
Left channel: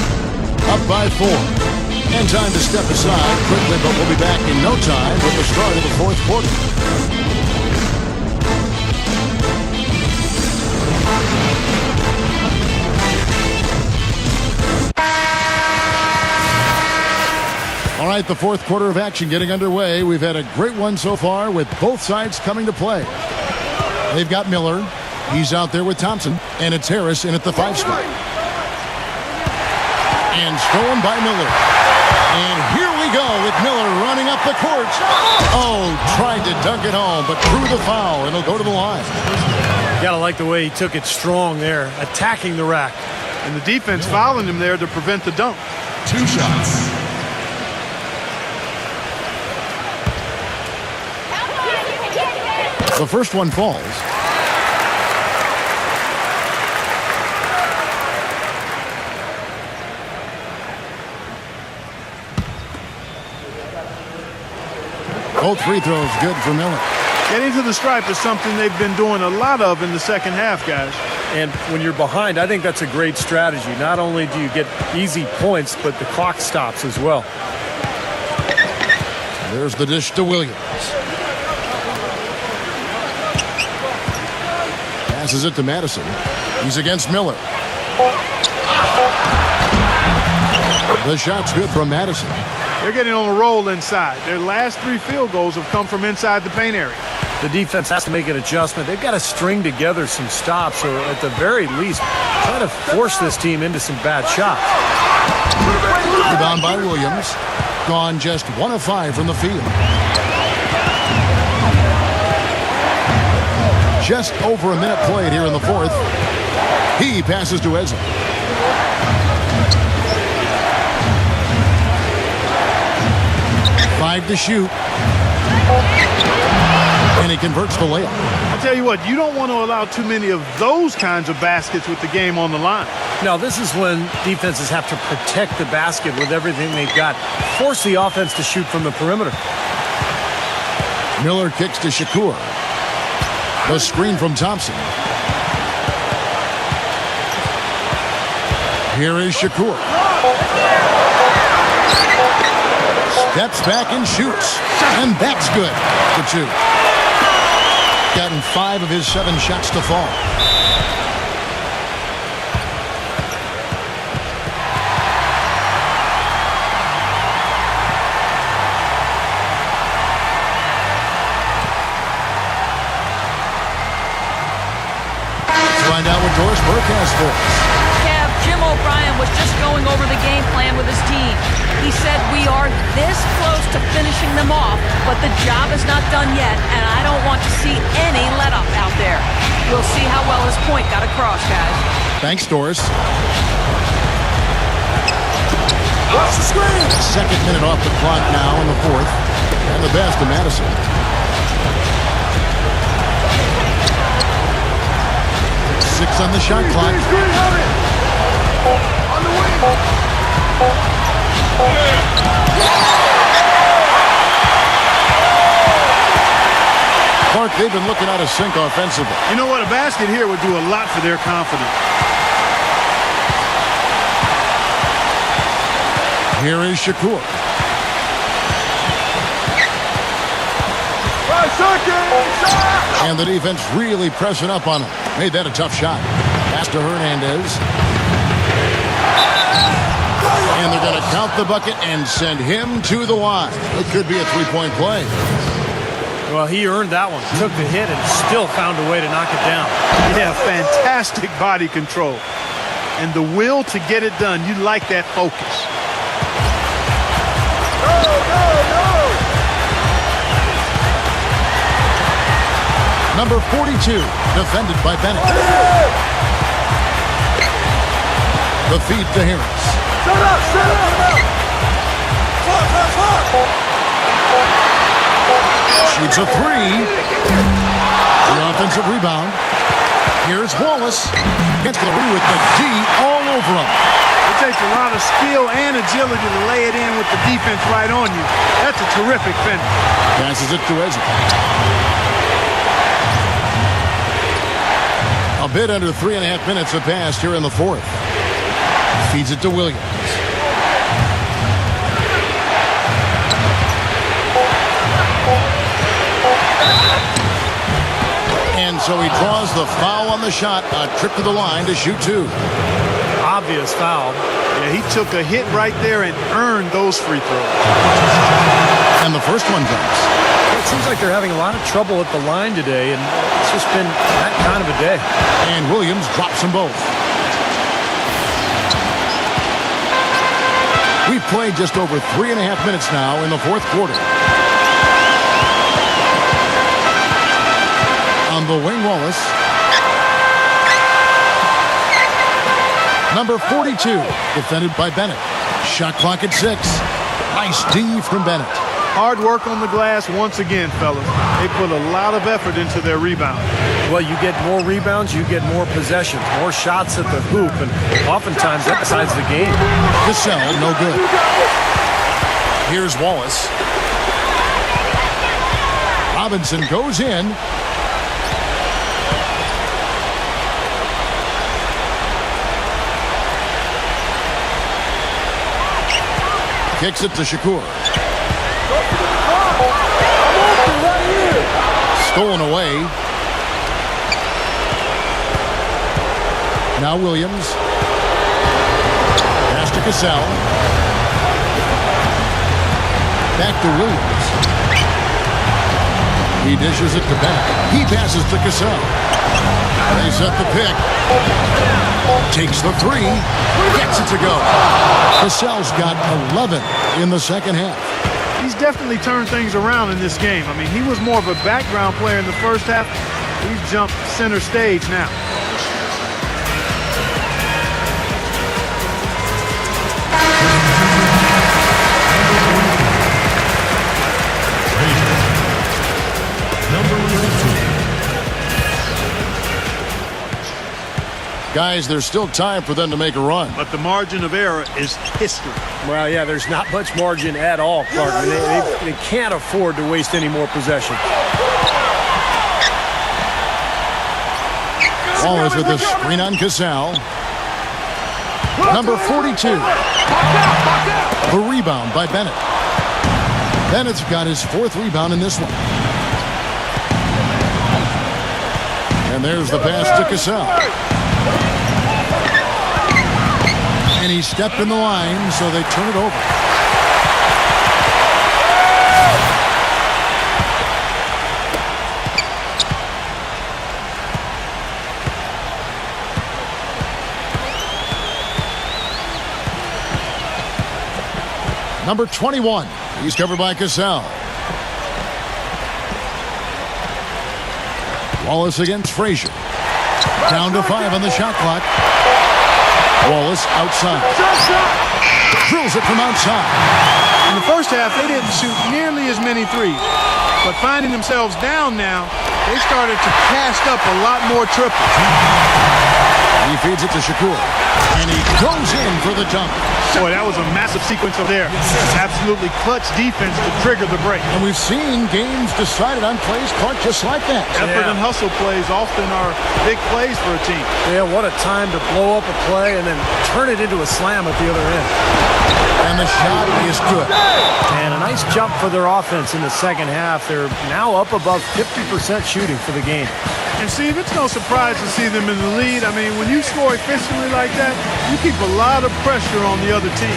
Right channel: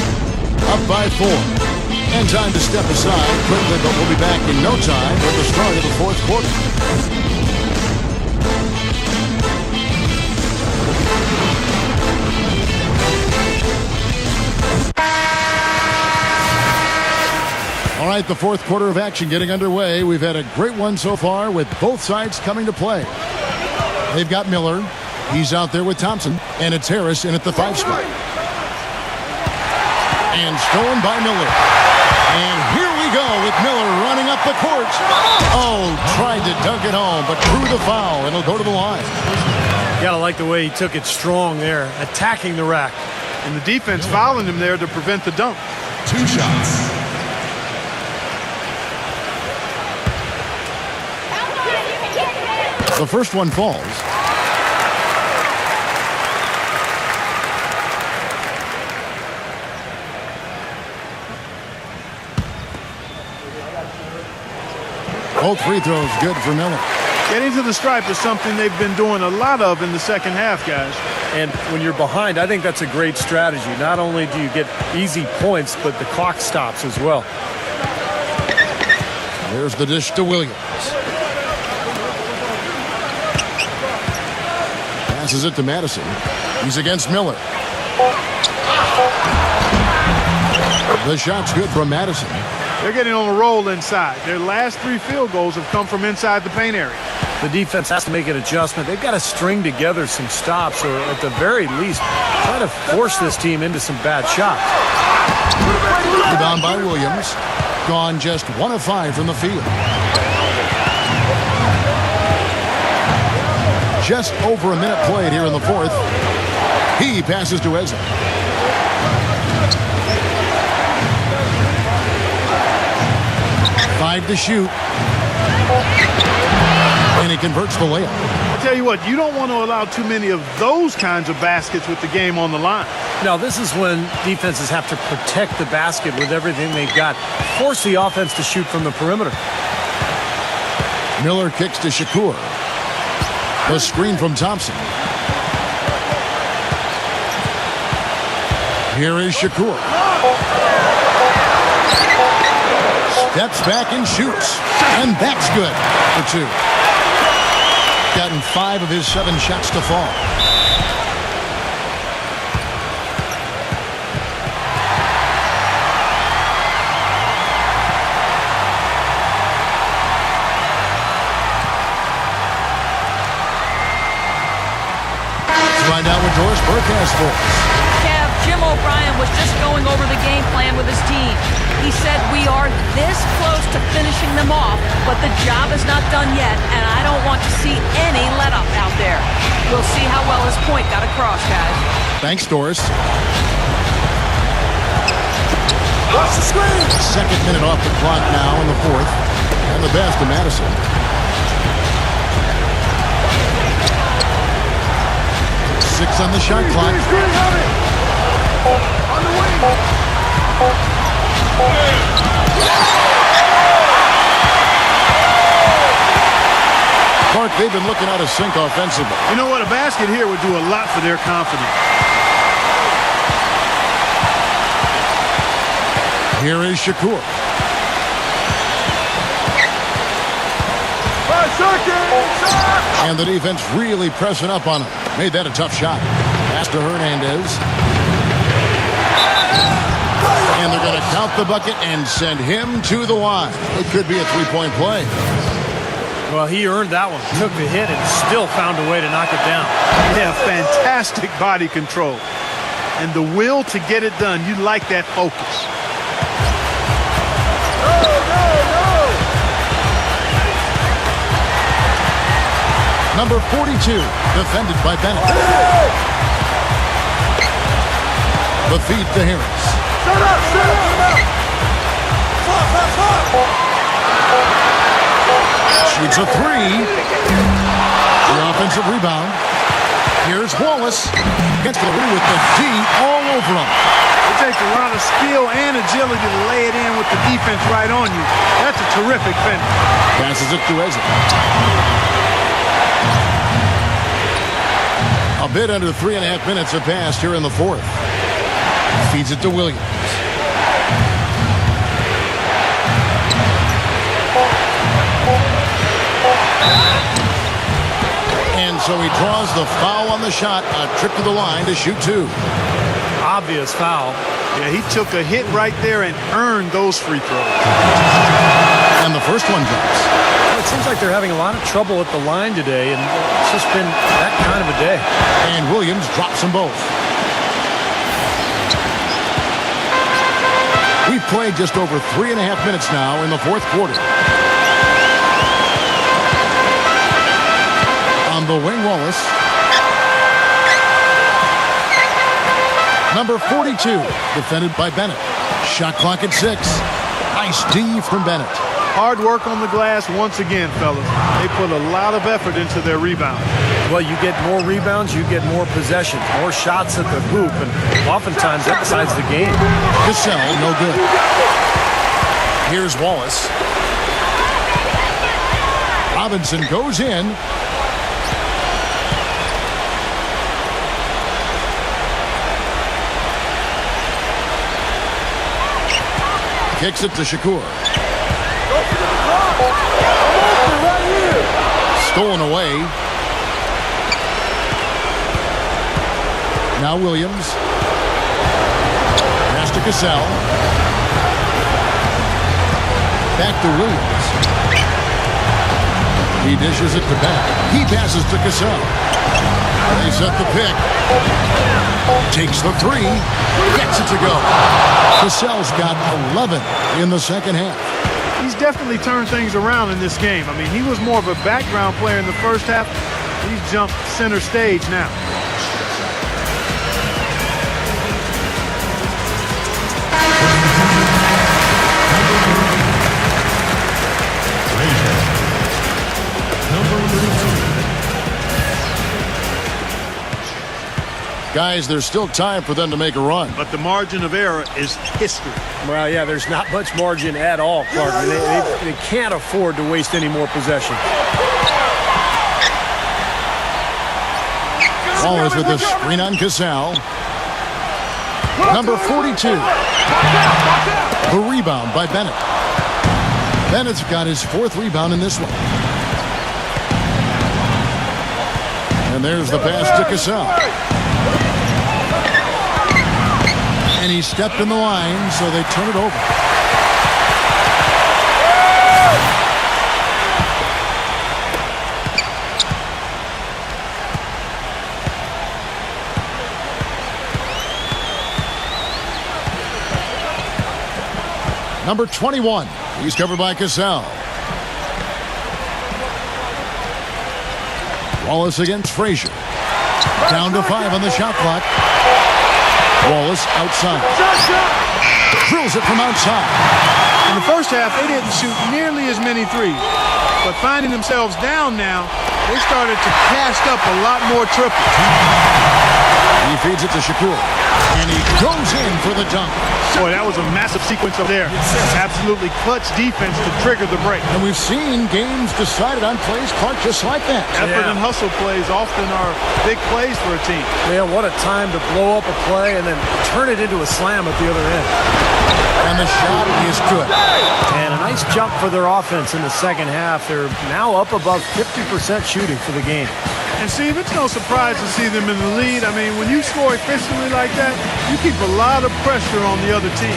up by 4. And time to step aside quickly, but we'll be back in no time with the start of the fourth quarter. All right, the fourth quarter of action getting underway. We've had a great one so far with both sides coming to play. They've got Miller. He's out there with Thompson. And it's Harris in at the 5 spot. And stolen by Miller. And here we go with Miller running up the court. Oh, tried to dunk it home, but drew the foul, and he'll go to the line. Gotta like the way he took it strong there, attacking the rack. And the defense fouling him there to prevent the dunk. The first one falls. Both free throws good for Miller. Getting to the stripe is something they've been doing a lot of in the second half, guys. And when you're behind, I think that's a great strategy. Not only do you get easy points, but the clock stops as well. There's the dish to Williams. Passes it to Madison. He's against Miller. The shot's good from Madison. They're getting on a roll inside. Their last 3 field goals have come from inside the paint area. The defense has to make an adjustment. They've got to string together some stops, or at the very least, try to force this team into some bad shots. Rebound by Williams. Gone just 1 of 5 from the field. Just over a minute played here in the fourth. He passes to Eze. Five to shoot. And he converts the layup. I tell you what, you don't want to allow too many of those kinds of baskets with the game on the line. Now, this is when defenses have to protect the basket with everything they've got. Force the offense to shoot from the perimeter. Miller kicks to Shakur. The screen from Thompson. Here is Shakur. Steps back and shoots. And that's good for 2. Gotten 5 of his 7 shots to fall. Find out what Doris Burke has for us. Kev, Jim O'Brien was just going over the game plan with his team. He said we are this close to finishing them off, but the job is not done yet, and I don't want to see any let-up out there. We'll see how well his point got across, guys. Thanks, Doris. Watch the screen. Second minute off the clock now in the 4th. And the best to Madison. Six on the shot clock. Screen on it. On the wing. Clark, they've been looking out of sync offensively. You know what? A basket here would do a lot for their confidence. Here is Shakur. 5 seconds. And the defense really pressing up on him. Made that a tough shot. Pass to Hernandez. And they're going to count the bucket and send him to the line. It could be a 3-point play. Well, he earned that one. Took the hit and still found a way to knock it down. Yeah, fantastic body control. And the will to get it done. You like that focus. Number 42, defended by Bennett. The feed to Harris. Set up, set up. Shoots a 3. The offensive rebound. Here's Wallace. Gets the rim with the D all over him. It takes a lot of skill and agility to lay it in with the defense right on you. That's a terrific finish. Passes it to Eze. A bit under 3.5 minutes have passed here in the 4th. Feeds it to Williams. And so he draws the foul on the shot. A trip to the line to shoot 2. Obvious foul. Yeah, he took a hit right there and earned those free throws. And the first one drops. Well, it seems like they're having a lot of trouble at the line today, and it's just been that kind of a day. And Williams drops them both. We've played just over 3.5 minutes now in the 4th quarter. On the wing, Wallace. Number 42, defended by Bennett. Shot clock at 6. Nice D from Bennett. Hard work on the glass once again, fellas. They put a lot of effort into their rebound. Well, you get more rebounds, you get more possessions, more shots at the hoop, and oftentimes that decides the game. Cassell, no good. Here's Wallace. Robinson goes in. Kicks it to Shakur. I'm open right here. Stolen away. Now Williams. Pass to Cassell. Back to Williams. He dishes it to Bennett. He passes to Cassell. They set the pick. Takes the 3. Gets it to go. Cassell's got 11 in the second half. He's definitely turned things around in this game. I mean, he was more of a background player in the first half. He's jumped center stage now. Guys, there's still time for them to make a run. But the margin of error is history. Well, yeah, there's not much margin at all, Clark. They can't afford to waste any more possession. Wallace with the screen on Casal. Number 42. The rebound by Bennett. Bennett's got his 4th rebound in this one. And there's the pass to Casal. And he stepped in the line, so they turn it over. Number 21. He's covered by Casal. Wallace against Frazier. Down to 5 on the shot clock. Wallace outside. Drills it from outside. In the first half, they didn't shoot nearly as many threes. But finding themselves down now, they started to cast up a lot more triples. He feeds it to Shakur. And he goes in for the dunk. Boy, that was a massive sequence up there. Absolutely clutch defense to trigger the break. And we've seen games decided on plays, Clark, just like that. Effort and hustle plays often are big plays for a team. Yeah, what a time to blow up a play and then turn it into a slam at the other end. And the shot is good. And a nice jump for their offense in the second half. They're now up above 50% shooting for the game. And Steve, it's no surprise to see them in the lead. I mean, when you score efficiently like that, you keep a lot of pressure on the other team.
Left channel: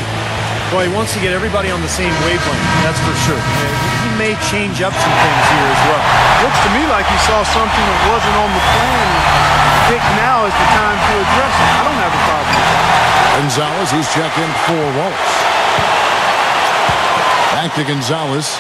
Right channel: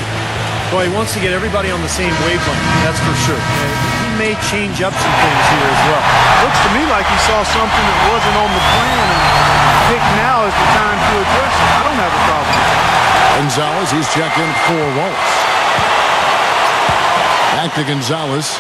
Boy, he wants to get everybody on the same wavelength, that's for sure. He may change up some things here as well. Looks to me like he saw something that wasn't on the plan and picked now is the time to address it. I don't have a problem with that. Gonzalez, he's checked in for Wallace. Back to Gonzalez.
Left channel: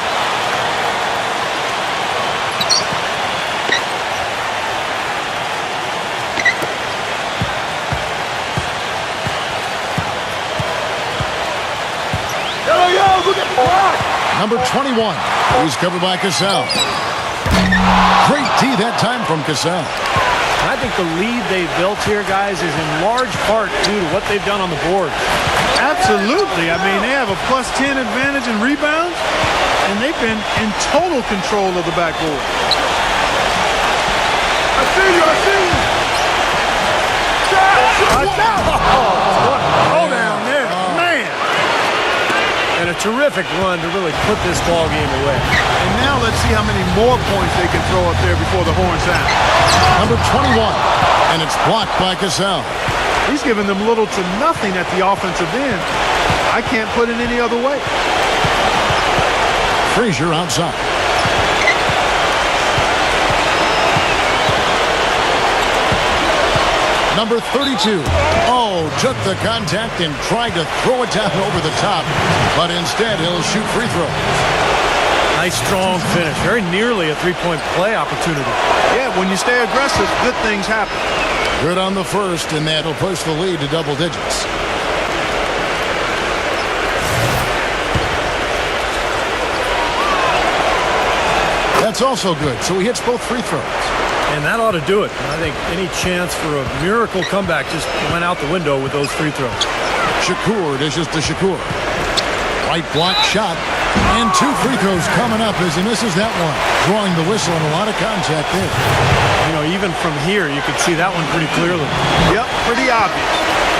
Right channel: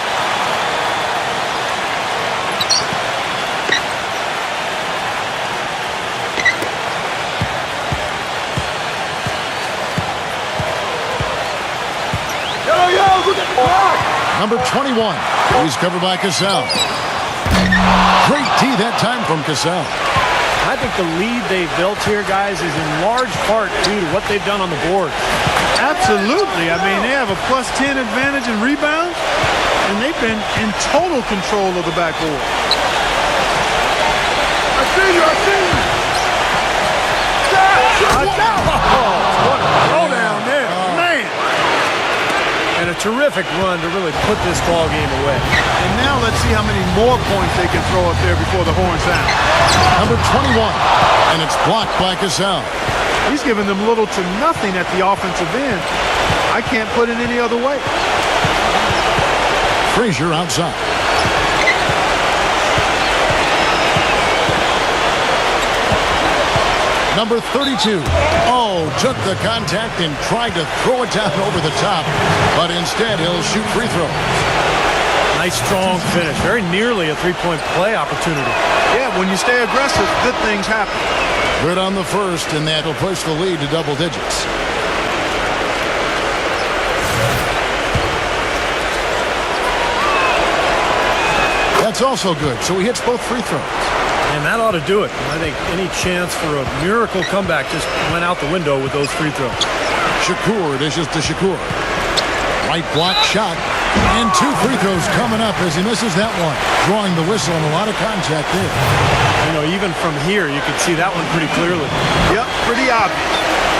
Look at the clock. Number 21. He's covered by Casal. Great D that time from Casal. I think the lead they've built here, guys, is in large part due to what they've done on the board. Absolutely. I mean, they have a plus 10 advantage in rebounds, and they've been in total control of the backboard. I see you. What a throwdown there. Man. And a terrific run to really put this ball game away. And now let's see how many more points they can throw up there before the horn sound. Number 21. And it's blocked by Casal. He's given them little to nothing at the offensive end. I can't put it any other way. Frazier outside. Number 32. Oh, took the contact and tried to throw it down over the top, but instead he'll shoot free throws. Nice strong finish. Very nearly a three-point play opportunity. Yeah, when you stay aggressive, good things happen. Good on the first, and that'll push the lead to double digits. That's also good, so he hits both free throws. And that ought to do it. I think any chance for a miracle comeback just went out the window with those free throws. Shakur dishes to Shakur. Right block shot. And 2 free throws coming up as he misses that one. Drawing the whistle and a lot of contact there. You know, even from here, you could see that one pretty clearly. Yep, pretty obvious.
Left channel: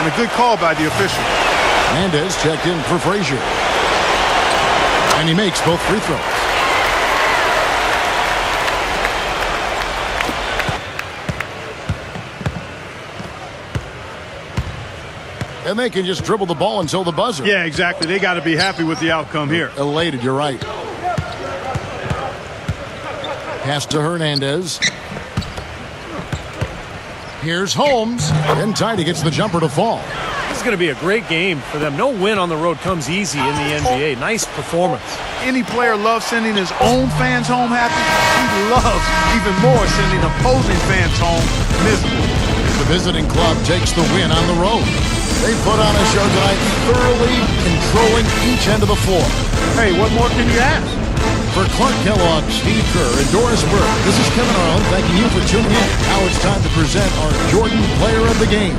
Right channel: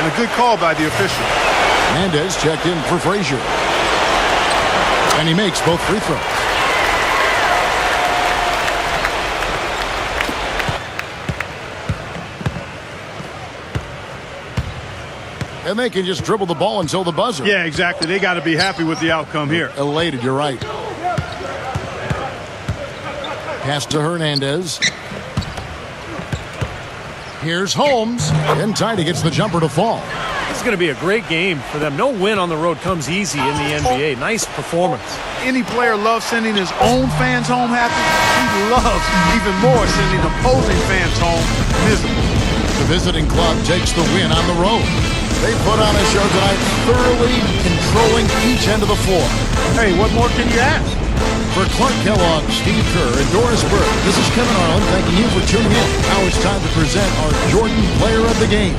And a good call by the official. Mendez checked in for Frazier. And he makes both free throws. And they can just dribble the ball until the buzzer. Yeah, exactly. They got to be happy with the outcome here. Elated, you're right. Pass to Hernandez. Here's Holmes. And Tidy gets the jumper to fall. This is going to be a great game for them. No win on the road comes easy in the NBA. Nice performance. Any player loves sending his own fans home happy. He loves even more sending opposing fans home miserable. The visiting club takes the win on the road. They put on a show tonight, thoroughly controlling each end of the floor. Hey, what more can you ask? For Clark Kellogg, Steve Kerr, and Doris Burke, this is Kevin Harlan thanking you for tuning in. Now it's time to present our Jordan Player of the Game.